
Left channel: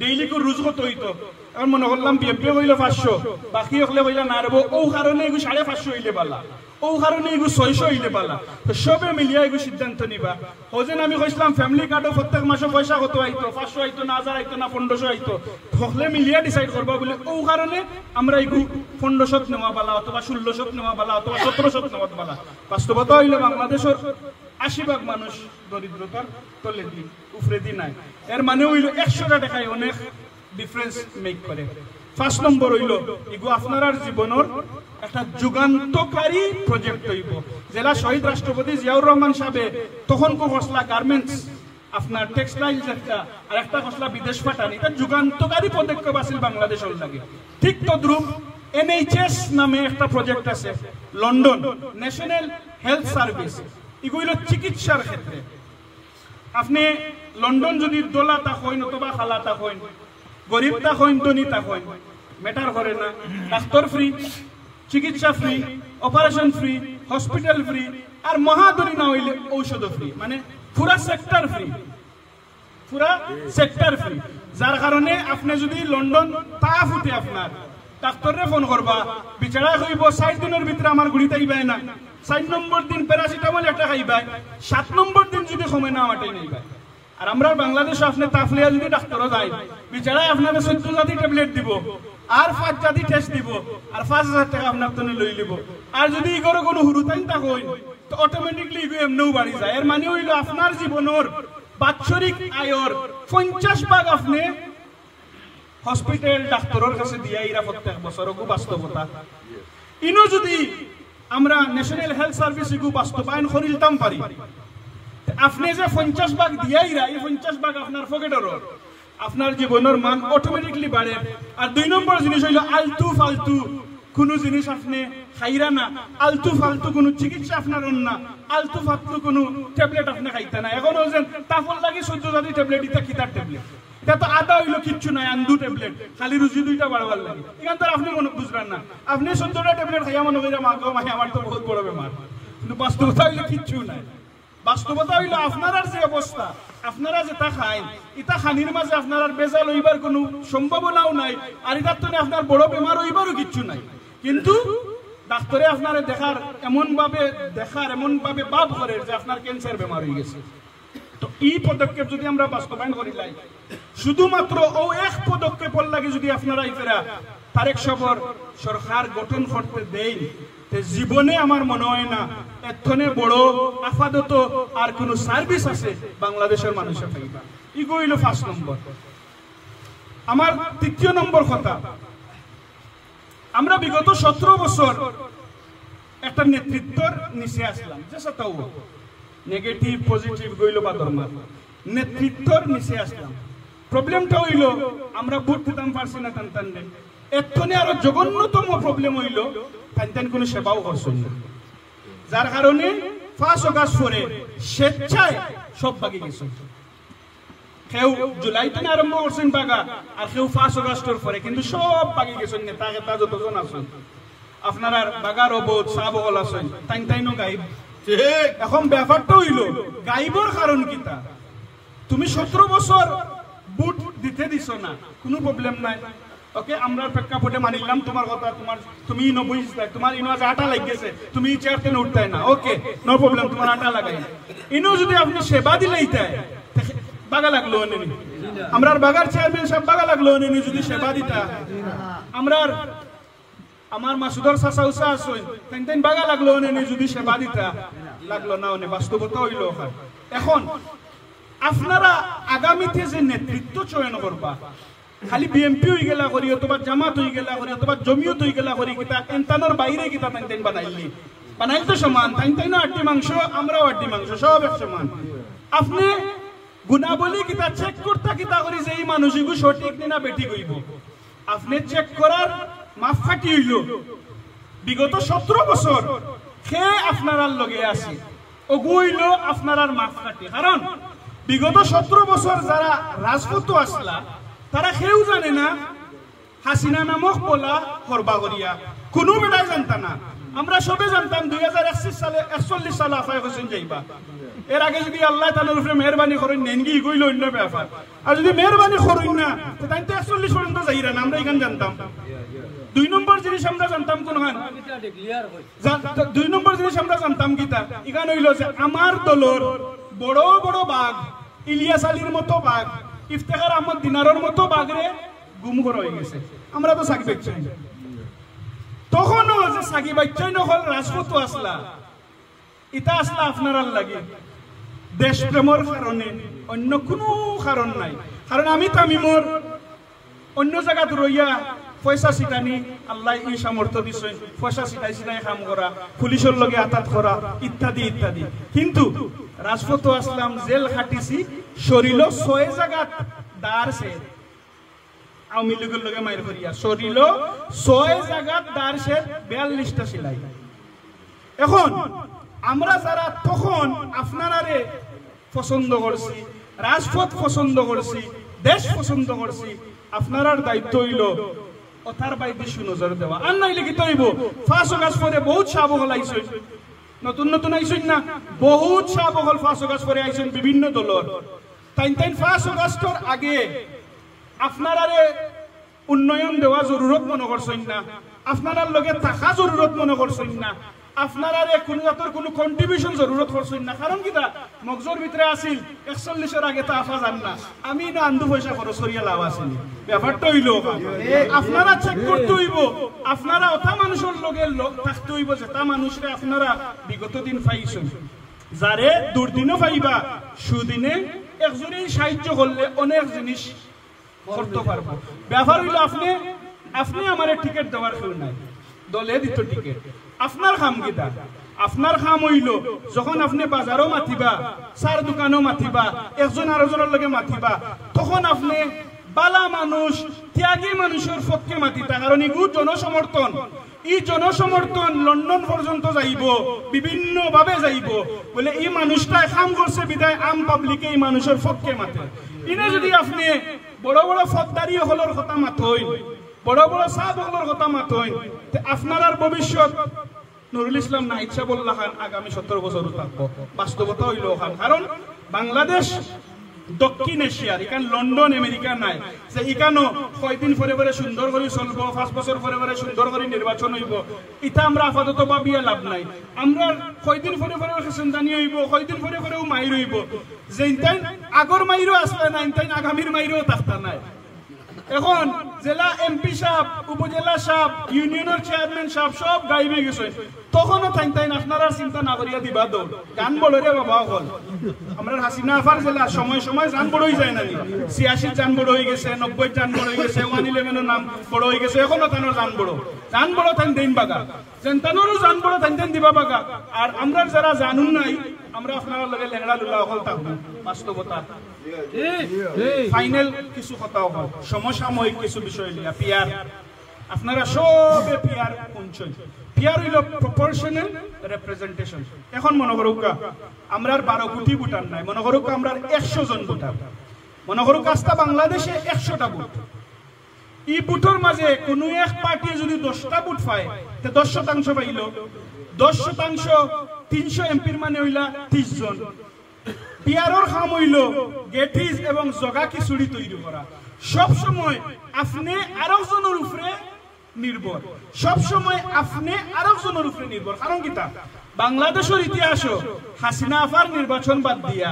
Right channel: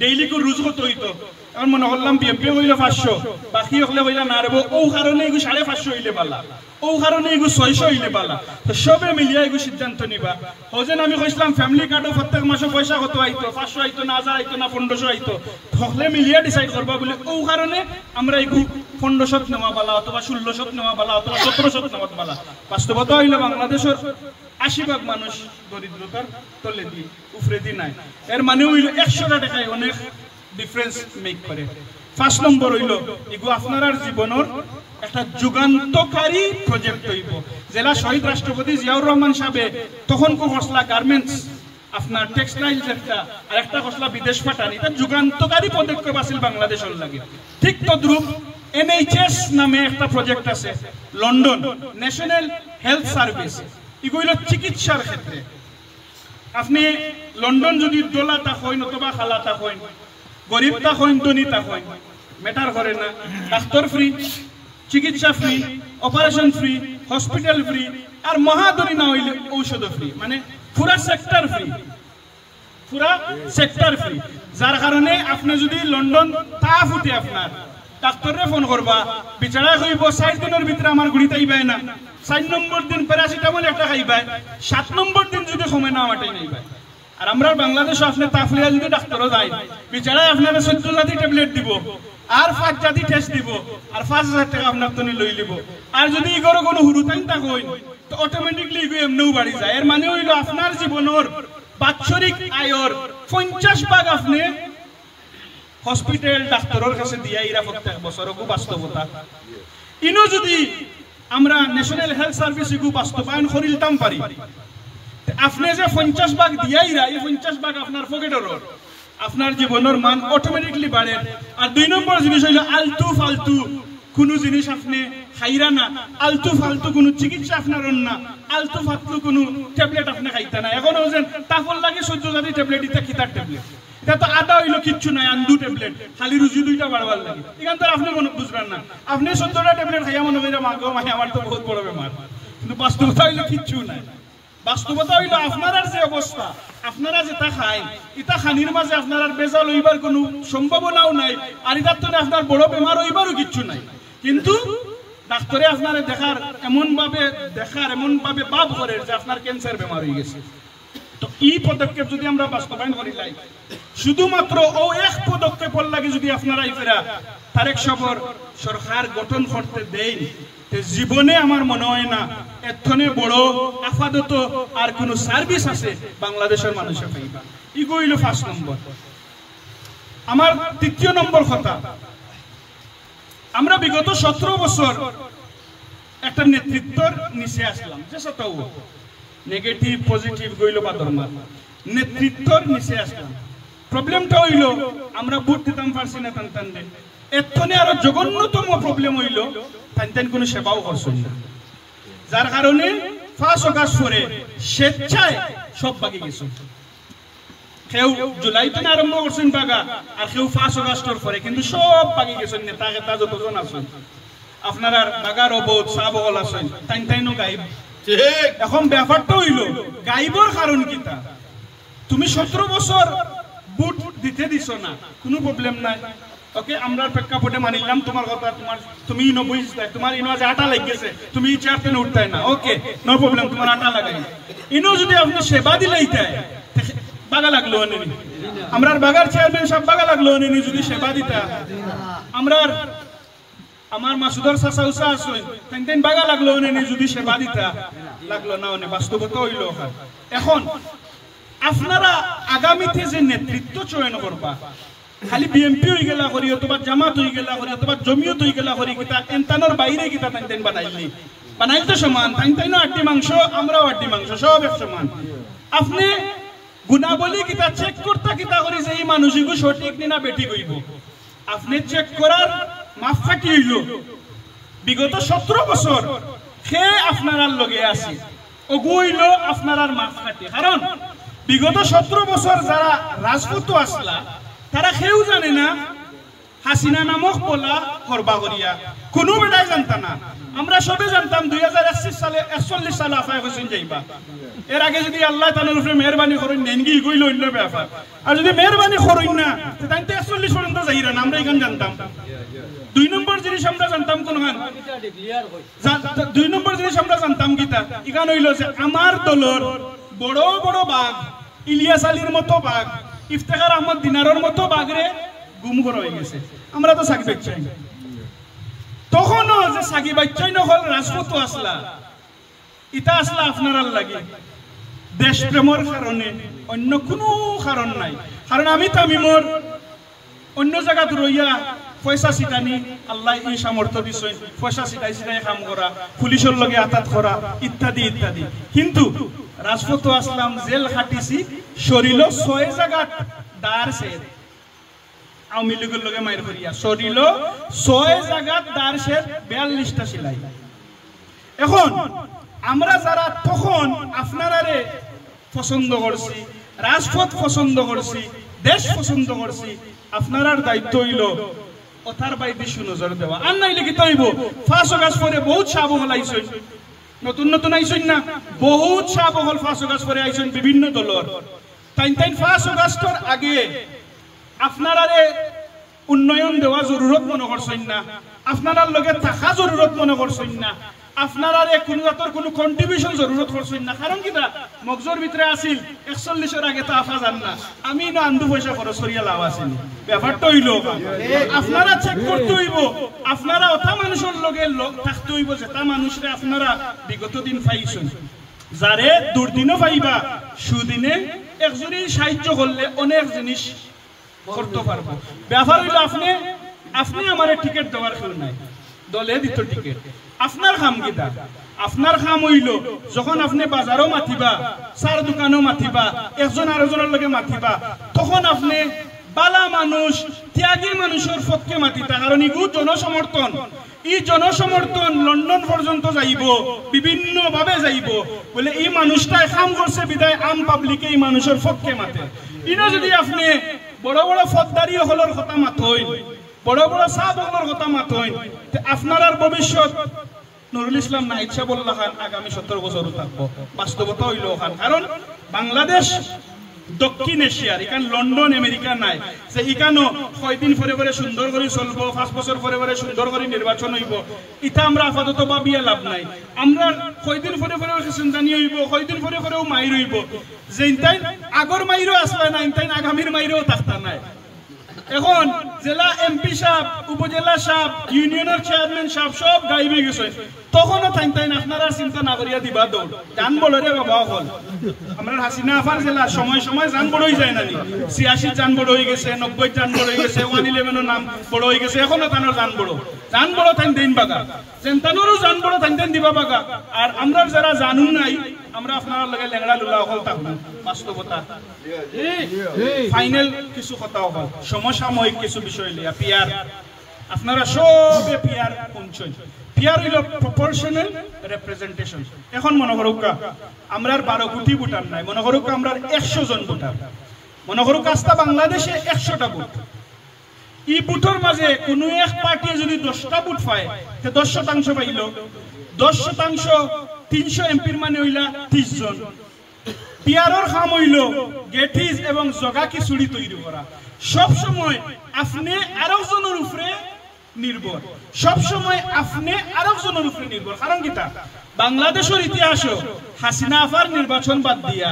ডেইলি কো রুজ কত হইতো, আর মনে করলাম বিএমপি হইলে 500, বাকি হলে হইলা না রেব, ও কারণে এগু 550 হইলে পালা, ও কারণে এগু 600 হইলে পালা। তো সবে মিলিয়া এগু সিদ্ধান্ত নিবা। হজেন আমি কইছিলাম ফ্যামিলি কার্ডও প্রত্যেক মাসে পয়সা কত আইতো, 500 আইতো না, 1000 আইতো না, 1500 আইতো, হলে মিলিয়া ডিসাইড করবা বলে ও কারণে আমরা এগু 1500 নেওয়া বালা, অথবা 1600 নেওয়া বালা, অথবা 1700 নেওয়া বালা। বাস্তবতা হইল বাংলাদেশের 80% মানুষ দরিদ্রতার তলে দি উফরে দি নাই। এর মানে হইল 100টা টাকায় অনেক ডিফারেন্স মেক করে। 5 নম্বর হইল এগু আপনার জীবনের একটা যুগান্তকারী প্রজেক্ট হইব। জেলা শহীদ রাষ্ট্রপতি জিয়াউর রহমান সাহেব তখন কো খসলা গার্মেন্টস, আপনার টেক্সটাইলস একটা, আর একটা খসলা বিদেশ পাঠান, এটা যুগান্তকারী পদক্ষেপ আছিল বাংলাদেশের লাগে। ঠিক তদ্রুপ NHS নামে একটা প্রজেক্ট আছে লন্ডন, ন্যাশনাল হেলথ সার্ভিস, এগুলো চিকিৎসার ক্ষেত্রে। আপনি লন্ডন যদি দোলা তা হইন অথবা খালা তা হইন, গরিব তা হইন ধনী তা হইন, ম্যাটার করে না, ডাক্তার ফ্রি, চিকিৎসা free, operation free, hospital free, আর মহাদরী না হইলে ঔষধ ফ্রি, মানে পুরা সেক্টর ফ্রি, পুরা সেক্টর ফ্রি। যার কারণে আপনি যদি লন্ডন তা ফুটে আপনার ডাক্তারে ফোন করবা, বিচারা কইব 60 দিনের ভিতরে আমার গুড়িতে আইবাই না, 4 নম্বর দিন প্যারাসিটামল একটা খাইবাই, 7 নম্বর দিন যদি কমে না আমাটাই নাইবাই। আর আমরা বাংলাদেশে আপনি তাফলিয়া যদি ডাক্তারও যায়, বিচারা আপনার 14 জাতি ট্যাবলেট দিব, আর 5 জাতি টেস্ট দিব, আর 5000 টাকা আপনার তো লই লিব। আর যদি ইগরো কোনো হুরুতাইন তা কই তো অটোমেটিকলি ইগো এমনিও বাড়ি যায়। এর মানে হইল আপনার জীবনের বাৎসরিক আয়ের 50% আপনি হসপিটাল ডাক্তারের কাছে দিয়া ইরা প্রত্যেক বছর। খুব বাস্তবতা ইনো যদি আমরা ন্যাশনাল হেলথ সার্ভিস ইগু বাস্তবায়ন করিলতাম পারি, আপনি যে 50% দিয়া ইরা, এই 50% আপনার পকেটের, আপনার জীবনের মান অটোমেটিকলি বাড়ে। আর 2 নম্বর জিনিস হইল আলতু ফালতু কোনো জিনিস আপনি খাইরা না, আলতু ফালতু কোনো চিকিৎসা আপনার না, আলতু ফালতু কোনো ট্যাবলেট আপনি খাইতে না। এখন হচ্ছেন তাফল লাগে 14 জাতি ট্যাবলেট, ইটা খিতার ট্যাবলেট, এটা তো আদা হইলো কিচ্ছু নাই, আন্দু ট্যাবলেট খালি রুজি 2টা বাড়বার লাগে। এখান থেকে আপনি মনে বুঝবেন না, আপনি 14টা ট্যাবলেট খাইয়া মনে করিয়া মাগো মাই আমার তো বহুত বড় বেমার, কিন্তু বাস্তবতা হইলো কিচ্ছু নাই। বাস্তবতা হইলো আপনার যে অবস্থা আপনারা যেটা খায় এটা খানির মাঝে আপনার আর বেজাল হইবার কোনো সম্ভাবনাও নাই, আর এটার তো আপনার বড় বেমার হইবারও কিচ্ছু নাই। কিন্তু ডাক্তারে আপনার এমন ভাবে ভাব করে যে আপনার ক্যান্সার বেমার হয়ে গেছে। তো এই পদক্ষেপ যদি আমরা বাস্তবায়ন করি লাই, শুধুমাত্র ও এক পদক্ষেপের লাগে যদি আপনারা ইফেরা তারেক সবর সরকার গঠন করতে দেই, জীবনে আমার মনে হয় না এতনে বড় আপাতত আর কোন সার্ভিস আছে বাংলাদেশের মানুষের পাইবা। ইগো হইল 5 নম্বর। আমার 3 নম্বর কথা, আমরা বিগত 17 বছর একটা নেতৃত্বর নিচে আসলাম, যে সত্তাও নেগেটিভ পজিটিভ গইল বা ধর্মা নেতৃত্বর নিচে আসলাম। প্রবলেমটা হইল আমরা ভোট দিতাম পারছি না তান্তানে, এতনে আরো জঘন্যতম প্রবলেম হইল তান্তান কোনো সেবাও করছেন না, যার কারণে 5 অগাস্ট পরে স্বেচ্ছায় সব বাকি গেছে। কেউ জুলাইতে আরম্ভ করছেন বাগা, আর কেউ 5 অগাস্টের পরে, কিন্তু সব বাকি গেছেন নেতা কেতা যতজন আছেন আপনার বাগার অবোধ সাবল আছেন তাইনও গাইব। এখন ব্যাপারটা হইল গাইবর কারণ কিতা, তুমি 17 বছর ভোট দিতে দিছ না, কোনো প্রবলেম নাই, ওকে আমরা প্রেক্ষাপটে মানিলাম তোমার কথা, তুমি 90 তোমার ইনো আজ 8 লাগ গেছে, তুমি চেয়ারতে উঠতাই না, ওকে নো প্রবলেম, তোমার 8 লাগাই ইনো যদি আপনি সেবা দিলেই তাই বাগা লাগলো নেনি, আমরার বাগার চেয়ারম্যান সব বাগা লাগলো নেনি যদি সেবা দিতা, আমরার আমার মাসুদর চাচা উচা আসুন তাই বাগা লাগলো নেনি যদি সেবা দিতা, লাগলো না অনে বাস্তবতা হইল। এখন আপনারা আগামীতে যে নেতৃত্ব চয়ন করবা, খালি বিএমপি হয়ে গেলা করি অথবা জামাত হয়ে গেলা করি অথবা জমিয়ত হয়ে গেলা করি, কিতা এনতানোর বাইরে কিতা তাই বানাইল তো সমান, তাই না আড্ডি মাংস আমরাও আড্ডি মাংস সব এক সমান। আপনি গুণাবলী কিতা চেক করতে কিতা করি যে এই মানুষগুলো সঠিক না বেটি কইব, আপনি চেক করার মাপকাঠি হইল বিগত 17 বছর সে আপনার লগে আছে, ওগু হইল আপনার মাপকাঠি। কারণ বিগত 17 বছর যারা রাজপথ আসলা তারা কেউ জানে না হাসিনা নামক বলা করবা করিয়া, কোনো বেটাই জানতা না। আমরা সবে জানতাম 2021 সালে 41 সালে আফায় হোসেন যাইবা, এর আগে যদি আল্লাহ তাআলার উপরে মেহেরবানি করেন নেনগি গইল অন্য ব্যাপার, আর যদি মেহেরবানি করেন না তাই তো 41 পর্যন্ত যাইরা না, আমরা এখান জানতাম। 2 নম্বর জিনিস আমরা জানতাম কোন হান 2 নম্বর জিনিস আমরা জানতাম কিতা এখান হইল যে আমার দলর বড় বড় বাঘ, ইলিয়াস আলীর মতো বাঘ, ইফতেখার আহমদ দিনারের মতো বাঘরে গুম করা হয়ে গেছে। আমরা তো সাকি বাচ্চাই তখনও যে সাকি বাচ্চাই নহল রাজপথ আসলা, ইটা আসলা আপনার লাগে দেশপ্রেমর কারণে, অন্য কোনো কারণ নাই। কারণ আমি তামিমর অন্য জায়গাত রইয়া পয়সা ছিটানি আল্লাহ এই সামর্থ্য দিছেন, পয়সা ছিটাই ছিটাই কাম করা, পুলিশের লগে আতাত করা ইত্যাদি ইত্যাদি, কিন্তু রাজপথ আসলাম, জেল খাটিছি, শরীর 6 জায়গাত দার সেদ আওয়ামী লীগের লগে মাইর করিয়া, শরীর 6 জায়গাত দার সেদ 42টা সিলাই। এখন আমরা যারা তখন আপনারারে পছন্দ করছি, রাজপথ পছন্দ করছি, দেশ পছন্দ করছি, আপনার দায়িত্ব হইল ওথার বাইরে সুনজর দেওয়া। আর নাইলে কি তৈব 5 অগাস্ট পরে বহুত সাবহল আইসেন, নতুন নতুন আইসেন না, বহুত সাবহল 5 অগাস্ট পরে আইসেন বিভিন্ন দলর, তাই 5 অগাস্টর আগে আপনারারে উন্নয়ন দেওয়া জরুরত মনে করছেন না, আপনার লগে থাকা জরুরত মনে করছেন না, আপনার কোনো জাতর কোনো কন্ট্রিবিউশন জরুরত করছেন না। কারণ কিনা মগজর ভিতরে আসিল 41 আগে তো আফা জান না, আমি না আন্দু পয়সা খরচ করিয়া লাভ আসেনি, ব্যাপারটা হইল আপনারা চেক করতে হইব, আপনারা ওটা মানুষের লগে থাকতে হইব যেটা মানুষরে আপনারা বিগত দিন পাইছেন, যারে দুর্দিনও পাইবা সুদিনে একজনই সাহায্য করলে অনেক জিনিস করতে পারবো। ব্যাপার হইল আপনি আমার টিকিট দেওয়ার কেউ নাই, দলে দিত টিকিট, আপনার খাম কিতা, আপনার খাম হইল যখন আপনি বাজারও মাতিবা, চার দোকানও মাতিবা, একজন আরেকজনের লগে মাতিবা, তখন আপনি বালা মানুষ ত্যাগী মানুষের পক্ষে মাতিতা। কারণ ইগু জনসমর্থন, এই জনসমর্থন লন্ডন পর্যন্ত যাইব, বিভিন্ন ভাবে যাইব, বলে এই মানুষটাই কাম করছে বিদায় আম পাবলিকে এই মানুষের পক্ষে মাতে। ইনো যদি আপনি বড় বড় ফৌজদারি হলর কথা মাতই, বড় বড় সাহেব হলর কথা মাতই, আপনার আর ভবিষ্যৎ নুরুল ইসলাম নাহিদ সাহেবুল্লাহ খান আগামী 17 বছর থাকবো, বাস্তবতা হইল খান। কারণ বাংলাদেশ দক্ষিণ এশিয়ার এখান লন্ডন আমেরিকা নাই যে এখানো কয়দিন পরে পরে সুন্দর করে চলবো 5 বছর পরে পরে সুন্দর করে নির্বাচন হইব এটা আমরা আপাতত ভাবিয়া লাভ নাই আমরা কয়দিন পরে পরে সিন্তানি হইব কয়দিন পরে পরেও মাইর হইব যে ইনতাই আগর মাইরও আসলে না ইনতাই আগামীর মাইরও থাকতা নাই এখন জেলা এমপি সাহেব উপজেলা সাহেব ইউনিয়নের চেয়ারম্যান সাহেব সব গাইবে গেছে তখনও তাইন আপনারা চিন্তা না করিয়া দিবা দৌড় গান বড় রে বাবা হল আমরা হাসিনা আফার জেলা সময় সময় যান বড় হয়ে যায় না 86 যান বড় হয়ে গেছে 90 যান বড় হয়ে গেছে 111 এর নাম বড় হয়ে গেছে এখনো তানোর যান বড় তাইন দেন বাগা জেনতানোরও যান বড় তাইন দেন দিবা বাগা আর আমরা যারা জানুন নাই আমরা আপনারা লগে লেংড়া লুলা হল থাকবো বাস্তবতা ফাইনাল কিছু কথা হল সমসাময়িক কিছু বিষয় লিয়া পিয়ার আপনারা সবে পিয়ার পৌঁছন পিয়ার হইল প্রপোর্শনাল রিপ্রেজেন্টেশন এখন মনে করুকা আমরা 12 কোটি ভোটার নাই মনে করুকা আমরা 100 জন ভোটার মনে করুক আস্তা বাংলাদেশে 100টা ভোট এই ভোটের মাঝে কোনো এক পার্টি যদি 10টা ভোট পায় তে 10% পাইল 10% 300 এমপির মানে হইলা 30 জন পিয়ারর কাম হইল গেটিস এবং জগা খিচুড়ি তৈরি করা সব সময় আপনি আরেকজনের উপরে নির্ভর সব সময় আপনি আরেকজনের উপরে নির্ভর কারণ কিটা বাংলাদেশের ইতিহাস হাসিনা আফার নির্বাচন বাদ দিয়া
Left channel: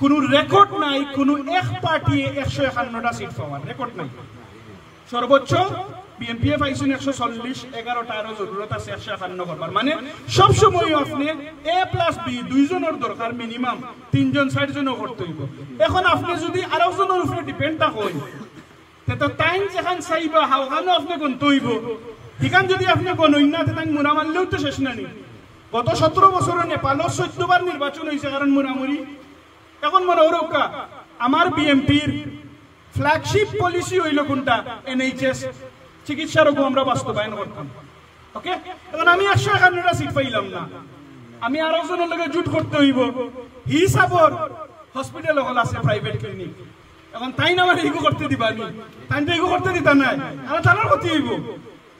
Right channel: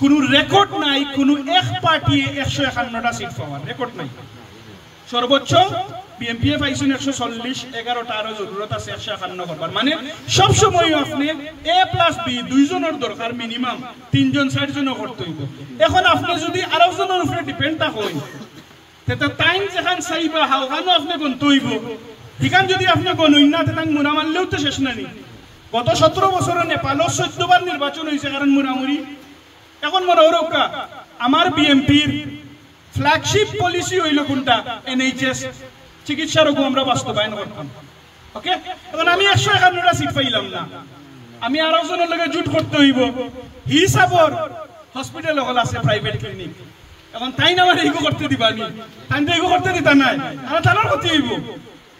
কোন রেকর্ড নাই কোন এক পার্টি 151টা সিট পাওয়ার রেকর্ড নাই সর্বোচ্চ বিএনপি পাইছেন 140 11টা আরো জরুরত আছে 151 করবার মানে সব সময় আপনি A+B দুইজনের দরকার মিনিমাম 3 জন 4 জন করতে হইব এখন আপনি যদি আরেকজনের উপরে ডিপেন্ড তা হই তেতে টাইম যেখান চাইবা হাওখানো আপনি গন্ত হইব এখান যদি আপনি গনই না তেতান মুরা মারলেও তো শেষ নানি গত 17 বছরে নেপালও 14 বার নির্বাচন হয়েছে কারণ মুরামুরি এখন মনে হরকা আমার বিএনপির ফ্ল্যাগশিপ পলিসি হইল কোনটা এনএইচএস চিকিৎসা রোগ আমরা বাস্তবায়ন করতাম ওকে এখন আমি 151টা সিট পাইলাম না আমি আরেকজনের লগে জুট করতে হইব হিসাবর হসপিটাল হল আছে প্রাইভেট ক্লিনিক এখন তাই না আমার এইগো করতে দিবানি তাই তো এইগো করতে দিতা নাই আর তার করতে হইব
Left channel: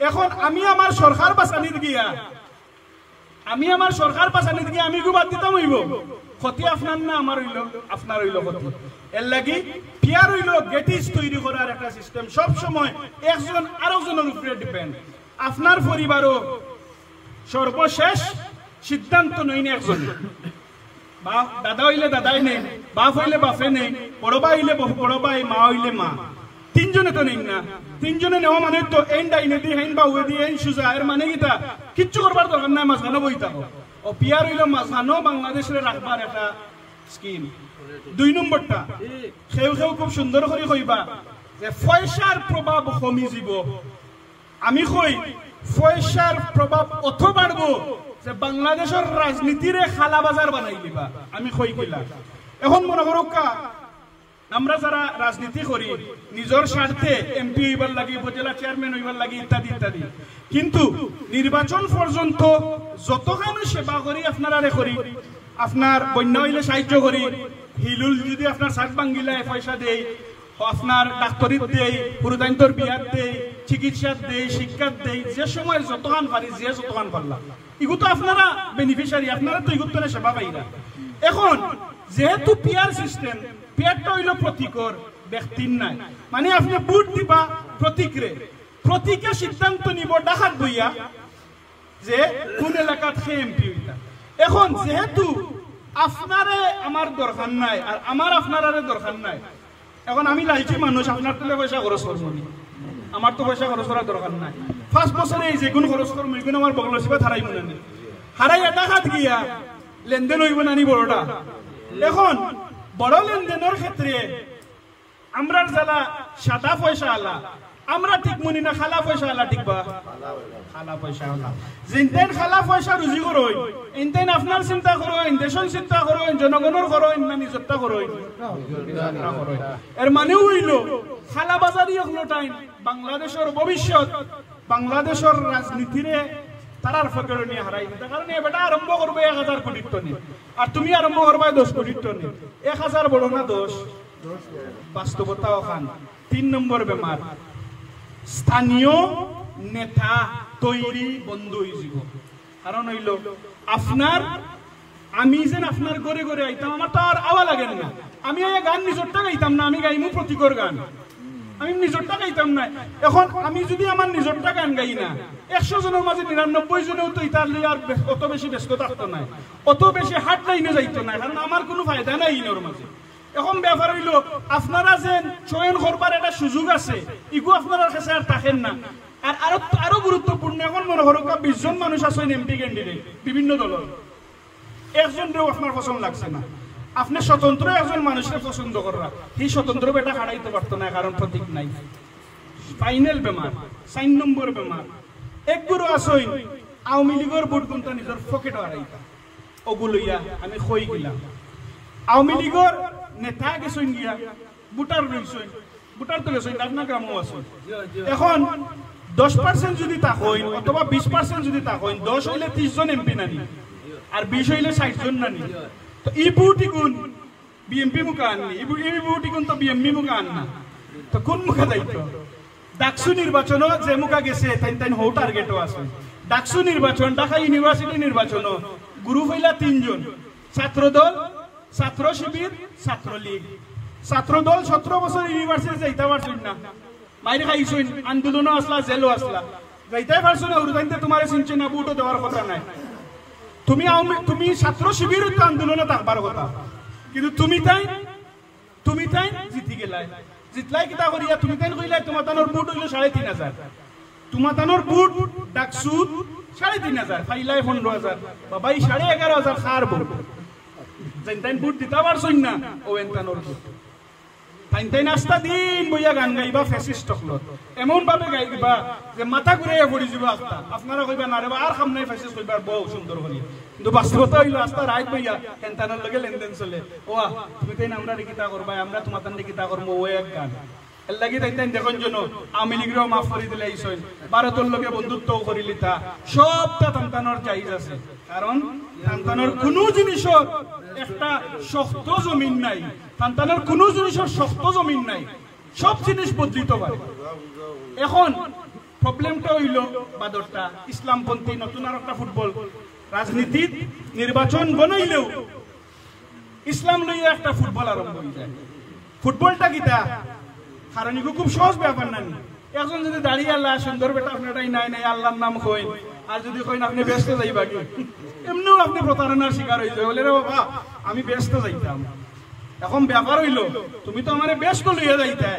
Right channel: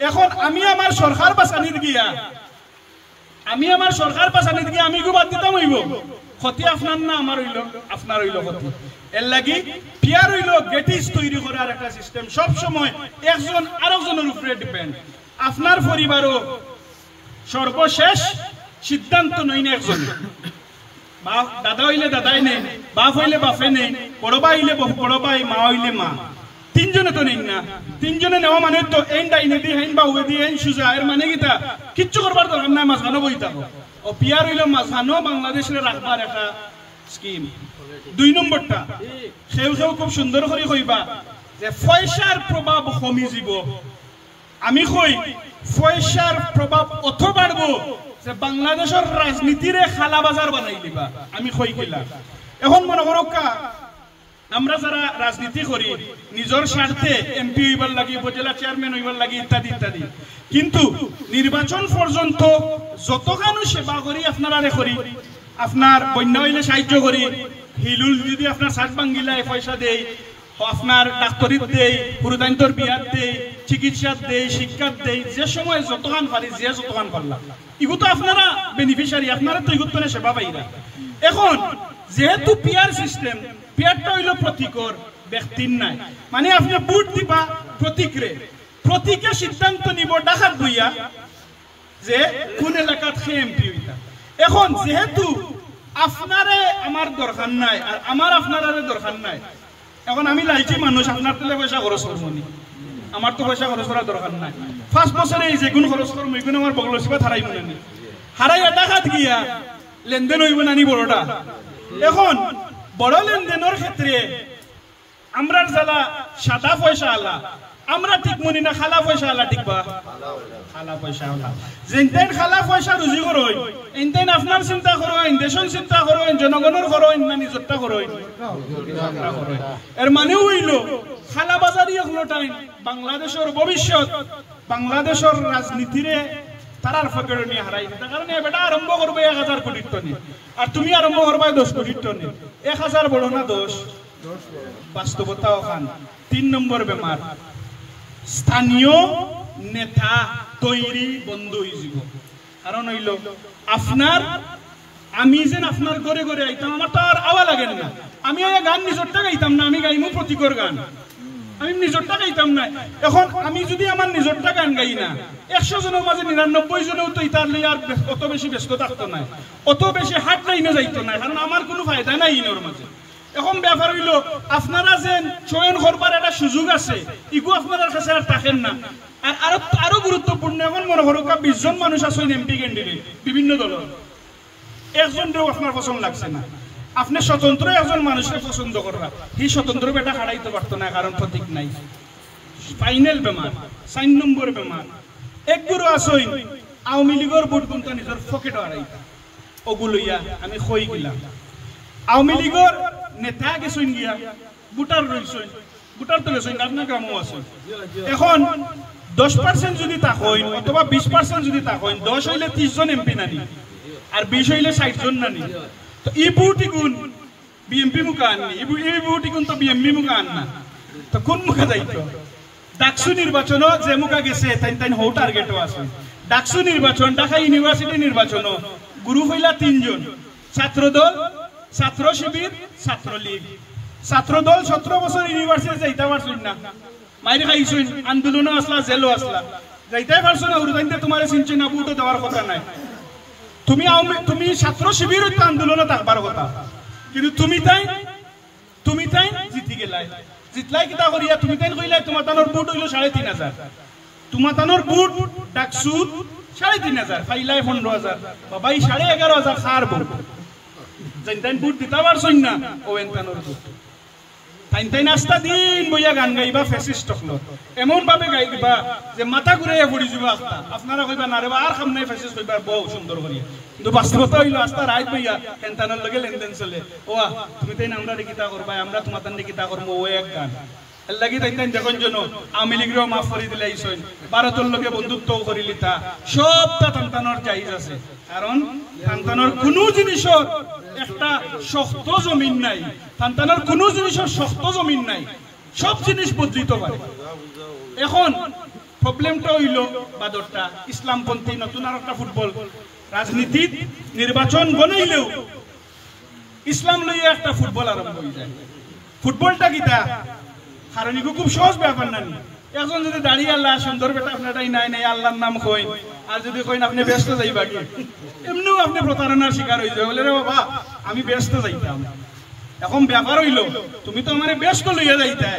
এখন আমি আমার সরকার বাঁচানিত গিয়া আমি গো বাদ দিতাম হইব ক্ষতি আপনার না আমার হইল আপনার হইল ক্ষতি এর লাগি পিয়ার হইল গেটিস তৈরি করার একটা সিস্টেম সব সময় একজন আরেকজনের উপরে ডিপেন্ড আপনার পরিবারও সর্বশেষ সিদ্ধান্ত নই না একজন দাদা হইলে দাদাই নেই বাপ হইলে বাপে নেই বড় ভাই হইলে বড় ভাই মা হইলে মা তিনজনে তো নেই না তিনজনে নেওয়া মানে তো এন ডাইনে দি হেন বা উয়ে দি হেন সুজা এর মানে কিটা কিচ্ছু করবার দরকার না মাঝখানো বই থাকো ও পিয়ার হইল মাঝখানো বাংলাদেশের রাখবার একটা স্কিম 2 নম্বরটা সেও খুব সুন্দর করে কইবা যে পয়সার প্রভাব কমি যাব আমি কই পয়সার প্রভাব অত বাড়বো যে বাংলাদেশের রাজনীতিরে খালা বাজার বানাই দিবা আমি কই কিলা এখন মনে করো আমরা যারা রাজনীতি করি নিজের স্বার্থে এমপি হইবার লাগি উপজেলা চেয়ারম্যান হইবার লাগি ইত্যাদি ইত্যাদি কিন্তু নির্বাচন পর্যন্ত যতখানি সেবা করি আপনারা করি আপনার বন্যা হইলে সাহায্য করি হিলুল যদি আপনার সাত বাঙ্গিলায় পয়সা দেই আপনার ডাক্তারিত দেই পুরুদান্তর বিয়াত দেই চিকিৎসাত দেই শিক্ষাত দেই যে সময় যতখান পারি যে যতখান পারলাম এগুলো তো আপনারা বেনিফিশিয়ারি আপনারা তো এগুলো তো সেবা পাইরা এখন যেহেতু পিয়ার সিস্টেম পিয়ারটা হইল প্রতীকর ব্যক্তির নাই মানে আপনি বুট দিবা প্রতীকে সিদ্ধান্ত নিব ডাকাত বইয়া যে কোন এলাকাত সে এমপি হইতা এখন যেহেতু আপনারে আমার দরকার নাই আর আমার আপনারে দরকার নাই এখন আমি লাইছি মানুষ আপনার তেলে পয়সা খরচ করবো আমার তো পয়সা খরচ করার দরকার নাই 5 বছরে এই যেগুন খরচ করবো এগুলো আমার বগল হিসেবে হারাইব নানি হারাই ডাকাত গিয়া লেনদেন হইব নানি বড়টা এখন বড় লেনদেনের ক্ষেত্রে আমরা যারা সাদা পয়সা আলা আমরা ঠিক মনি না খালা পয়সা আলা ঠিক বা খালা পয়সা আলা যেনতেন খালা পয়সা রুজি করই এনতেন আপনার চিন্তা করই দেশন চিন্তা করই জনগণের করই না নিজরটা করই এর মানে হইল খালা বাজারি হলো টাইম বাংলাদেশের ভবিষ্যৎ বাংলাদেশের রাজনীতিরে তারার ফকেড় নিয়ে হারাই দিতে কারণ এবারটা আরম্ভ করবে 1000 কোটি টন আর তুমি আরম্ভ করবে 10 কোটি টন 1000 বড় না 10 বাস্তবতা ওখান 3 নম্বর বেমার স্থানীয় নেতা তৈরি বন্ধ হয়ে যাব কারণ হইল আপনার আমি যেন আপনার ঘরে ঘরে আইতাম আমার তো আর আওয়া লাগে না আমি এই গান নিজরটা গাইতাম না, আমি গাইমু প্রতীকর গান, আমি নিজরটা গাইতাম না। এখন আমি যদি আমার নিজরটা গান গাই না, 100 জনের মাঝে 99 জনেও তো ইতার লিয়ে আর অত বেশি ব্যস্ত থাকতো না, অত বেশি হাট লাইনে যাইতো না, কারণ আমার কোনো ফায়দা নাই ইনোর মাঝে। এখন ব্যাপার হইল আপনারা যে চয়ন করবার একটা সুযোগ আছে, ইগো আপনার কাছে আর থাকেন না। আর আরো গুরুত্বপূর্ণ, এখন মনে করো 20 জন মানুষ আছেন এমপি ক্যান্ডিডেট বিভিন্ন দলের, একজনও আপনার পছন্দ লাগছে না, আপনি স্বতন্ত্র একজন মানুষকে পছন্দ করা, এই স্বতন্ত্র বেটা হারাইতে পারতো না, কারণ প্রতীক নাই। ফাইনাল বেমার, 4 নম্বর বেমার, একগুলো আসইন আওয়ামী লীগের ভোট গুনতে নিজের পকেট হারাইতা, ওগুলোইয়া আমি কই গেলাম। আওয়ামী লীগের নেতা গেছেন গিয়া, ভোটার রইছেন, ভোটার তো গেছেন, আপনার গ্রামও আছে। এখন 10% যদি তা হইন অথবা 20% যদি তা হইন, 10 হইলে 30 জন এমপি নানি, আর 20 হইলে 60 জন নানি। তো এই বুটি গুণ বিএমপি মুখে আননি, এই বুটি গুণ তো বিএমপি মুখে আন না, তো কোন মুখে যাইতো? ডাকসু নির্বাচনও যে মুখা গেছে তাই তাই হৌ টার্গেটও আছে। ডাকসু নির্বাচন, ঢাকা ইউনিভার্সিটি নির্বাচনও গ্রুপ হইলা 3 জন, ছাত্রদল, ছাত্র শিবির, ছাত্রলীগ। ছাত্রদল 17 বছর ইউনিভার্সিটি যাইতে পারছেন না, মাইরে খাইছেন, আন্দোলনও আসলা, জেলও আসলা, যাইতে পারছো না, উরুদাইতে তোমার চিনছে না, বুটও দেওয়ার কথা নাই। তুমি ছাত্র শিবির আন্দোলনে থাকবার কথা, কিন্তু তুমি তাই জিতি গেলাই, জিতলাই কিতা করিয়া তুমি তাই কইলাই তোমার তানোর বুট হইল 3500, তোমার তানোর বুট ডাকসুত 3500, ফাইলাই 15000, বাবাই 11,500 খার বুট, তাই বুট দিতে পারছই না, ও এনতানোর বুট তাই নাস্তা দিন বইয়া গান গাইবা ফেসিস্ট হলো, এমন ভাবে গাইবা যে মাথা ঘুরাইয়া পড়ি যাবে আস্তা। আপনারা কইবা না রে বা আর খাম নাই ফেসিস্ট কইবার বহু সুন্দর করিয়া, কিন্তু বাস্তবতা হইলো আস্তা রাত বইয়া এনতানোর লগে লেনদেন চলে। ওয়া তুমি তাই আমরা কিতা করবা, আমরা তোমার তান কিতা করবো, ও এক গান এর লাগি তাই দেখুন যেন আওয়ামী লীগেরও মাফ করে দিলে আইসেন, ভারতের লগে বন্ধুত্বও করিলিতা, সবটা তান্তানোর জায়জ আছে, কারণ তান্তানোর কোনো জিনিসের একটা শক্ত জমিন নাই, সন্তানের কোনো জিনিসের শক্ত জমিন নাই, সব জিনিস বদলিত পারে। এখন প্রবলেমটা হইল বাদরটা ইসলামপন্থী নতুন আর একটা ফুটবল রাজনীতির নির্বাচন বনাইলেও ইসলাম লইয়া একটা ফুটবল আরম্ভ হয়ে যায়। ফুটবলটা কিতা কারণ খুব সহজ ব্যাপার না, এখন যদি দাঁড়িয়ে আল্লাহ সুন্দর বেটা আপনারটাই নাই নাই আল্লাহর নাম কইন, আর যদি কইন আপনি ব্যস্ত যাইবা কি, এমনিও আপনি প্রতারণার শিকার হয়ে যাবে, বলে রে বাবা আমি ব্যস্ত যাইতাম। এখন ব্যাপার হইল তুমি তো আমার ব্যস্ত লইয়া যাইতে,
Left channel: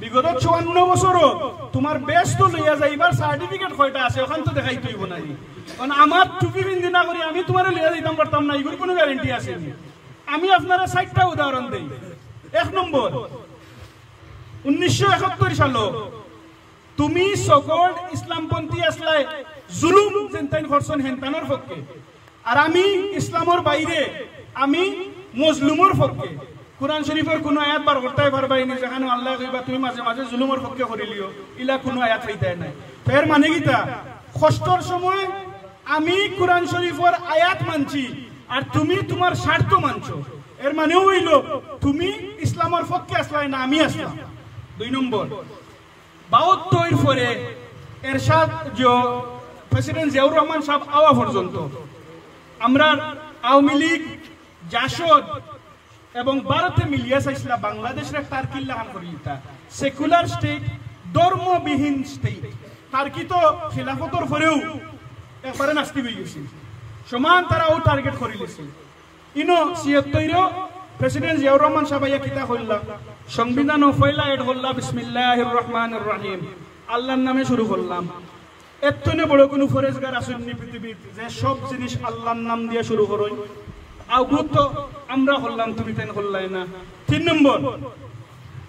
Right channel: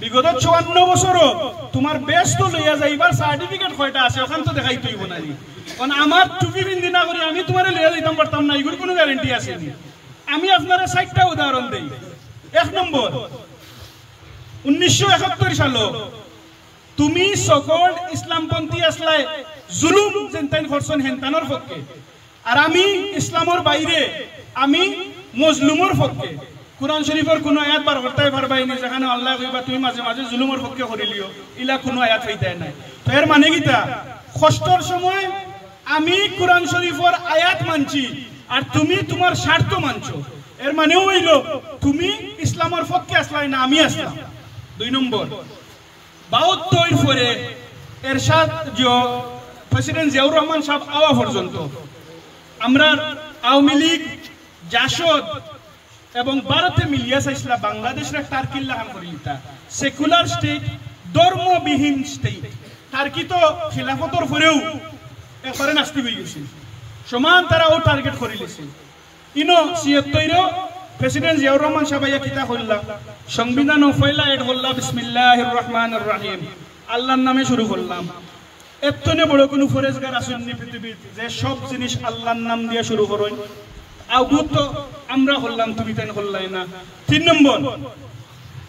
বিগত 54 বছরও তোমার ব্যস্ত লইয়া যাইবার সার্টিফিকেট কয়টা আছে ওখান তো দেখাই তুইব না, কারণ আমার টুপি বিন্দি না করি আমি তোমার লইয়া যাইতাম পারতাম না, এগুলোর কোনো গ্যারেন্টি আসেনি। আমি আপনারা 4টা উদাহরণ দেই। 1 নম্বর, 1971 সালে তুমি সকল ইসলামপন্থী আসলাই জুলুম যেনতাইন করছেন হেনতানোর পক্ষে, আর আমি ইসলামের বাইরে আমি মজলুমের পক্ষে। কুরআন শরীফের কোন আয়াত বার করতে পারবাইনি যেখানে আল্লাহ কইবা তুমি মাঝে মাঝে জুলুমের পক্ষে করিলিও, ইলা কোনো আয়াত পাইতাই নাই। তো এর মানে কিটা, কষ্টর সময় আমি কুরআন শরীফের আয়াত মানছি আর তুমি তোমার স্বার্থ মানছো, এর মানেও হইল তুমি ইসলামের পক্ষে আসলাই না, আমি আসলাম। 2 নম্বর, 72 পরে এরশাদ যে প্রেসিডেন্ট জিয়াউর রহমান সাহেব আওয়া পর্যন্ত আমরা আওয়ামী লীগ, জাসদ এবং ভারতে মিলিয়া চাইছিলা বাংলাদেশের টার্কিল্লা হান করিলিতা সেকুলার স্টেট, ধর্মবিহীন স্টেট। টার্কি তো খিলাফতর পরেও একবারে নাস্তি হয়ে গেছে, সমান তারা ও টার্গেট করে লিছে। ইনো 76 প্রেসিডেন্ট জিয়াউর রহমান সাহেব কিতা কইলা, সংবিধান ও ফয়লা এড হল্লা বিসমিল্লাহির রহমানির রহিম, আল্লাহর নামে শুরু করলাম। এতনে বড় কোনো ফরেজগার আসেন নি পৃথিবীর যে সব জিনিস আল্লাহর নাম দিয়ে শুরু করই, আগুত তো আমরা হল্লাম, তুমি তাই হল্লাই না। 3 নম্বর,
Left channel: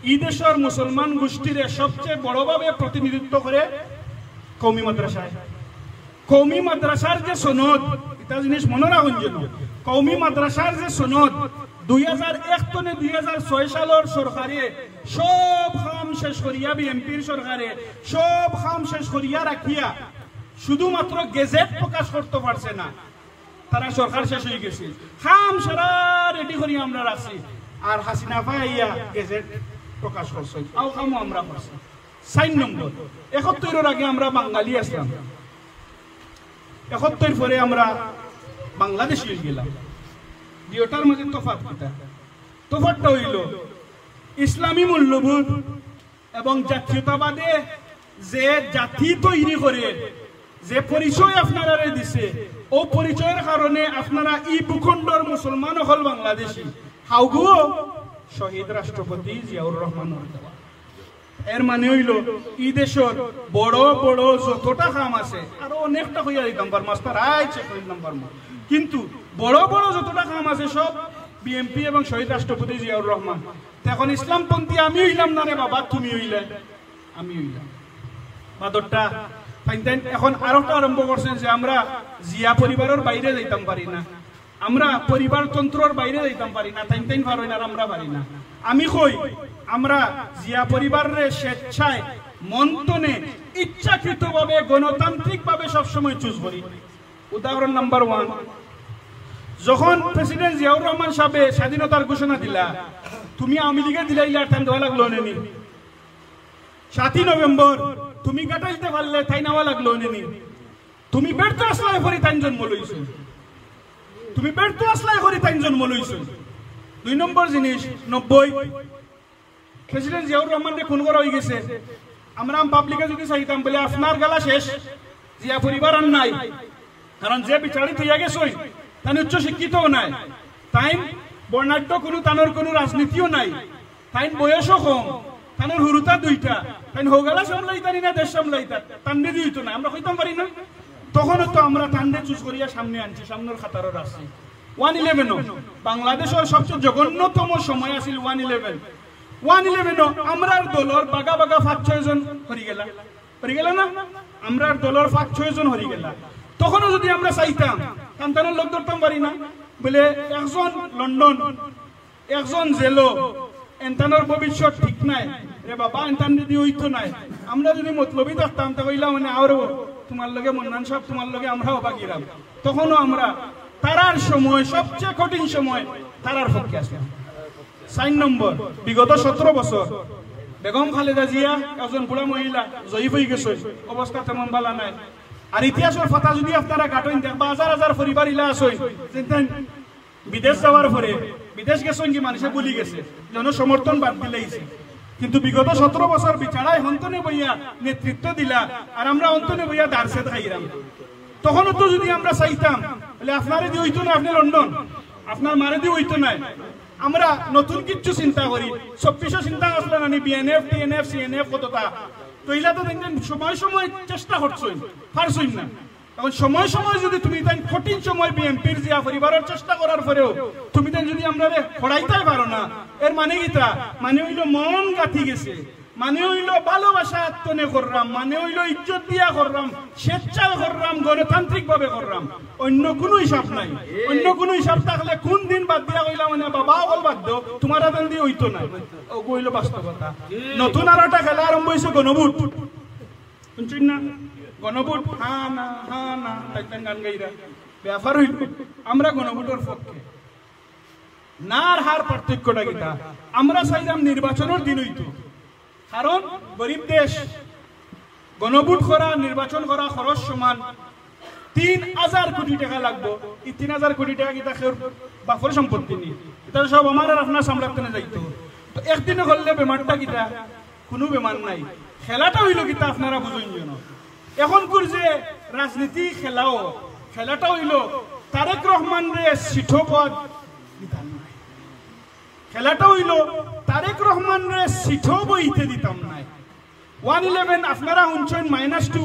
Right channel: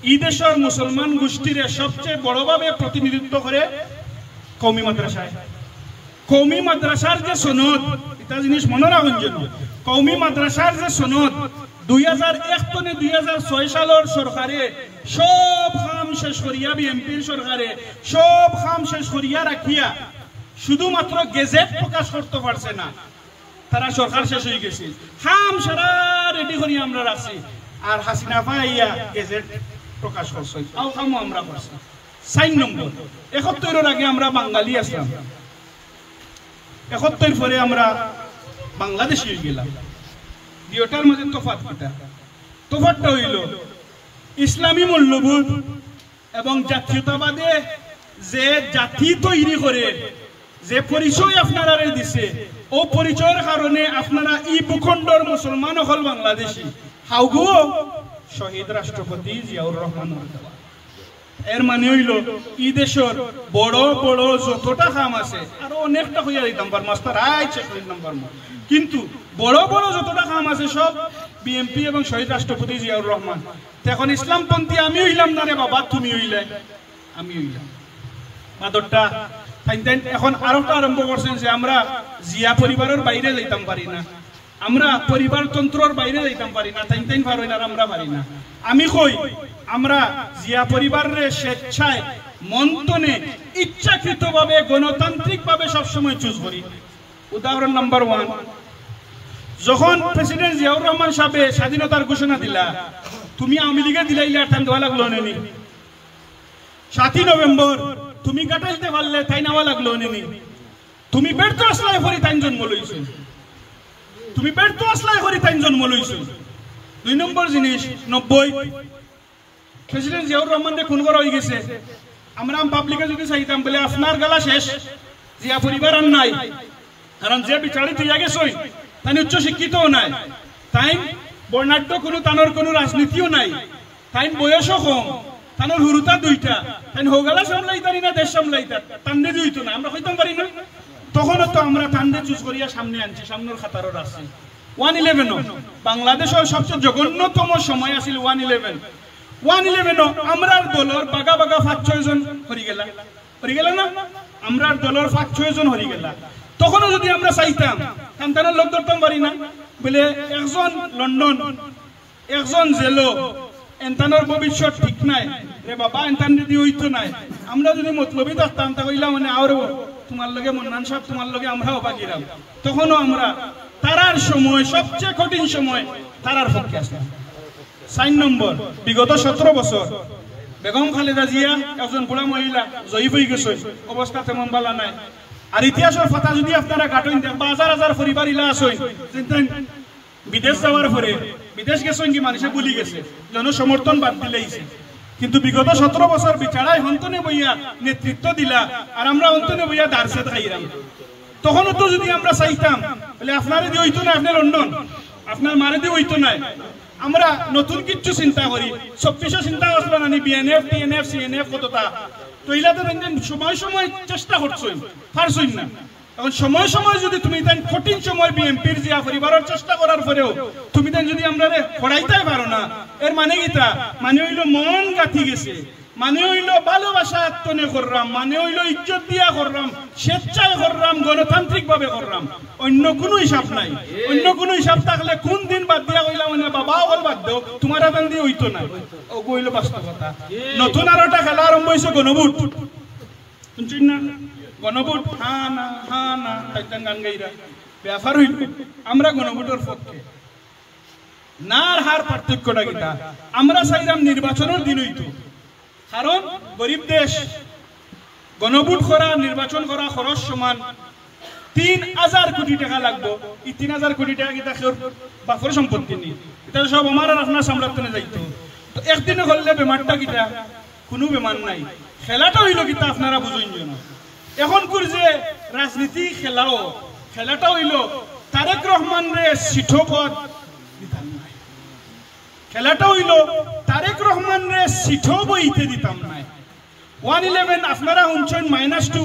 এই দেশের মুসলমান গোষ্ঠীর সবচেয়ে বড়ভাবে প্রতিনিধিত্ব করে কওমি মাদ্রাসায়। কওমি মাদ্রাসার যে সনদ, এটা জিনিস মনে রাখুন যেন, কওমি মাদ্রাসার যে সনদ 2001 থেকে 2006 সালের সরকারে সব কাম শেষ করিয়া, বিএনপির সরকারে সব কাম শেষ করিয়া রাখিয়া শুধুমাত্র গেজেট প্রকাশ করতে পারছে না, তারা সরকার শেষ হয়ে গেছে, কাম সারা রেডি করিয়া আমরা রাখছি, আর হাসিনা ভাইয়া গেজেট প্রকাশ করছে, আও কামও আমরা করছি। 4 নম্বর, 71 আগে আমরা বাঙালি আসলাম, 71 পরে আমরা বাংলাদেশি হয়ে গেলাম। দুইটার মধ্যে তফাৎ কিটা, তোফারটা হইল ইসলামী মূল্যবোধ এবং জাতীয়তাবাদে যে জাতি তৈরি করে যে পরিচয় আপনারা দিছে ও পরিচয়ের কারণে আপনারা এই ভূখণ্ডর মুসলমান হল বাংলাদেশি হাউগুও শহীদ রাষ্ট্রপতি জিয়াউর রহমানের দেওয়া। এর মানে হইল এই দেশের বড় বড় যতটা কাম আছে আরো অনেকটা হইয়া দিতাম পার মাস্টার আইছে শহীদ নাম্বার কিন্তু বড় বড় যতটা কাম আছে সব বিএনপি এবং শহীদ রাষ্ট্রপতি জিয়াউর রহমান। এখন ইসলামপন্থী আমি হইলাম না রে বাবা, তুমি হইলে আমি হইলাম মাদরটা। এখন আরেকটা আরম্ভ করছেন যে আমরা জিয়া পরিবারের বাইরে যাইতাম পারি না, আমরা পরিবারতন্ত্রর বাইরে যাইতাম পারি না, তাইন পারি না, আমরা পারি না। আমি কই আমরা জিয়া পরিবারের স্বেচ্ছায় মন্থনে ইচ্ছাকৃতভাবে গণতান্ত্রিকভাবে সবসময় চুজ করি। উদাহরণ নাম্বার 1, যখন প্রেসিডেন্ট জিয়াউর রহমান সাহেব স্বাধীনতার ঘোষণা দিলা, তুমি আওয়ামী লীগে দিলাইলে টান দেওয়া লাগলো নেনি। 7 নভেম্বর তুমি কাটাইতে পারলে তাই নেওয়া লাগলো নেনি। তুমি ব্যর্থ আসলাই করি তাই জন্ম লইছো, তুমি ব্যর্থ আসলাই করি তাই জন্ম লইছো। 2 নম্বর জিনিস 90 প্রেসিডেন্ট জিয়াউর রহমানকে খুন করা হয়ে গেছে। আমরা পাবলিকে যদি চাইতাম বলে আপনার গালা শেষ, জিয়া পরিবার আর নাই, কারণ যে বিচারিত হইয়া গেছই তাই উচ্চ শিক্ষিতও নাই, তাই বর্ণাঢ্য কোনো তানোর কোনো রাজনীতিও নাই, তাই বয়সও কম, তানোর হুরুতা 2টা, তাই হোগালা সামলাইতারি না দেশ সামলাইতার তান্ডে দিইতো না, আমরা হইতাম পারি না। তখনও তো আমরা তান্ডে চুজ করিয়া সামনে আনছি, সামনের খাতারও আছে। 111 বাংলাদেশের সবচেয়ে জঘন্যতম সময় আছিল 111 আমরার দলের বাগা বাগা 5-6 জন হরি গেলা না, আমরার দলের 5-6 জন হরি গেলা। তখনও যদি আমরা চাইতাম সন্তানের লোক ধরতাম পারি না বলে একজন লন্ডন একজন জেলো এন্তানোর ভবিষ্যৎ ঠিক নাই রে বাবা, এন্তান যদি হইতো নাই। আমরা যদি মতলবি থাকতাম তাহলে মানে আরো তোমার লগে মন্নান সাহেব তোমার লগে আমরাও বাগিরাম। তখনও আমরা তারার সময় সবচেয়ে কঠিন সময় তারার পক্ষে আসলাম। 4 নম্বর বিগত 17 বছর বেগম খালেদা জিয়া একজন বুড়া মহিলা জয়ী হয়ে গেছে, অবস্থা তেমন ভালো নাই। আর ইতিহাসের কথা যদি আপনারা কাটেন দেখবা হাজার হাজার পরিবার ইলা আসেন বিদেশ যাওয়ার পরে, বিদেশ গেছেন কি মানুষে বলি গেছে জনসমর্থন বাদ দিলেইছে, কিন্তু বিগত 17 বছর বিচারায় হন্তনে বইয়া নেতৃত্ব দিলা আর আমরা হন্তনে বইয়া দারসে খাইরাম। তখনও তো যদি আমরা চাইতাম বলে আপনারে দিয়ে হইতো না, আপনি লন্ডন আপনার মারে দিয়ে হইতো না, আমরা নতুন কিছু চিন্তা করি। 2400 চিন্তা করছিলেন আমি বিএনএফ টিএনএফ সিএনএফ কতটা, তো এইলা তো সময় সময় চেষ্টা করছই পারছই না। এখন সময় সময় যদি তুমি তাই কঠিন সময় বিএনপির জিয়া পরিবারের চেষ্টা করার পরেও তুমি তাই যদি আমরা পড়াইতে পারো না, এর মানে কিটা? মানে হইল মন গাঁথি গেছে, মানে হইল ভালোবাসা আত্মনে করলাম, মানে হইল ইজ্জত দিয়া করলাম, স্বেচ্ছায় করলাম, গণতান্ত্রিক ভাবে করলাম, অন্য কোনো হিসাব নাই। অন্য কোনো হিসাব থাকলে কোন দিন বাদ দিয়া হইলা মানে বাবা বল বাদ দাও তোমার আদান দিয়ে হইতো না, ও হইল বাস্তবতা। নতুন আর একটা খেলা আরম্ভ হয়েছে গণভোট, শুনছেন না? গণভোট হা না তাইতেন গান গাইরা ব্যাপার হইল। আমরা গণভোটের পক্ষে না, আর হার পার্থক্যটা কিটা? আমরা চাইলাম নির্বাচনের দিন হইতো, কারণ গরিব দেশ, গণভোট করা নির্বাচন করা খরচ সমান। 3000 কোটি টাকা লাগবো। এই 3000 কোটি টাকা কিটা বাপর সম্পত্তি নেই, এটা সব আমার আর আপনার সাম্রাজ্যে যাইতো। তো একদিনে করলে বেমারটা কিটা? কোনো বেমার নাই। খেলাটা হইল কিটা আপনারা বুঝুন যেন। এখনকার যে রাজনীতি খেলাটা হইল তারেক রহমান রে সিঠো পদ দিতাম নাই, খেলাটা হইল তারেক রহমান রে সিঠো বইতে দিতাম নাই। 111 আপনারা শুনছেন -2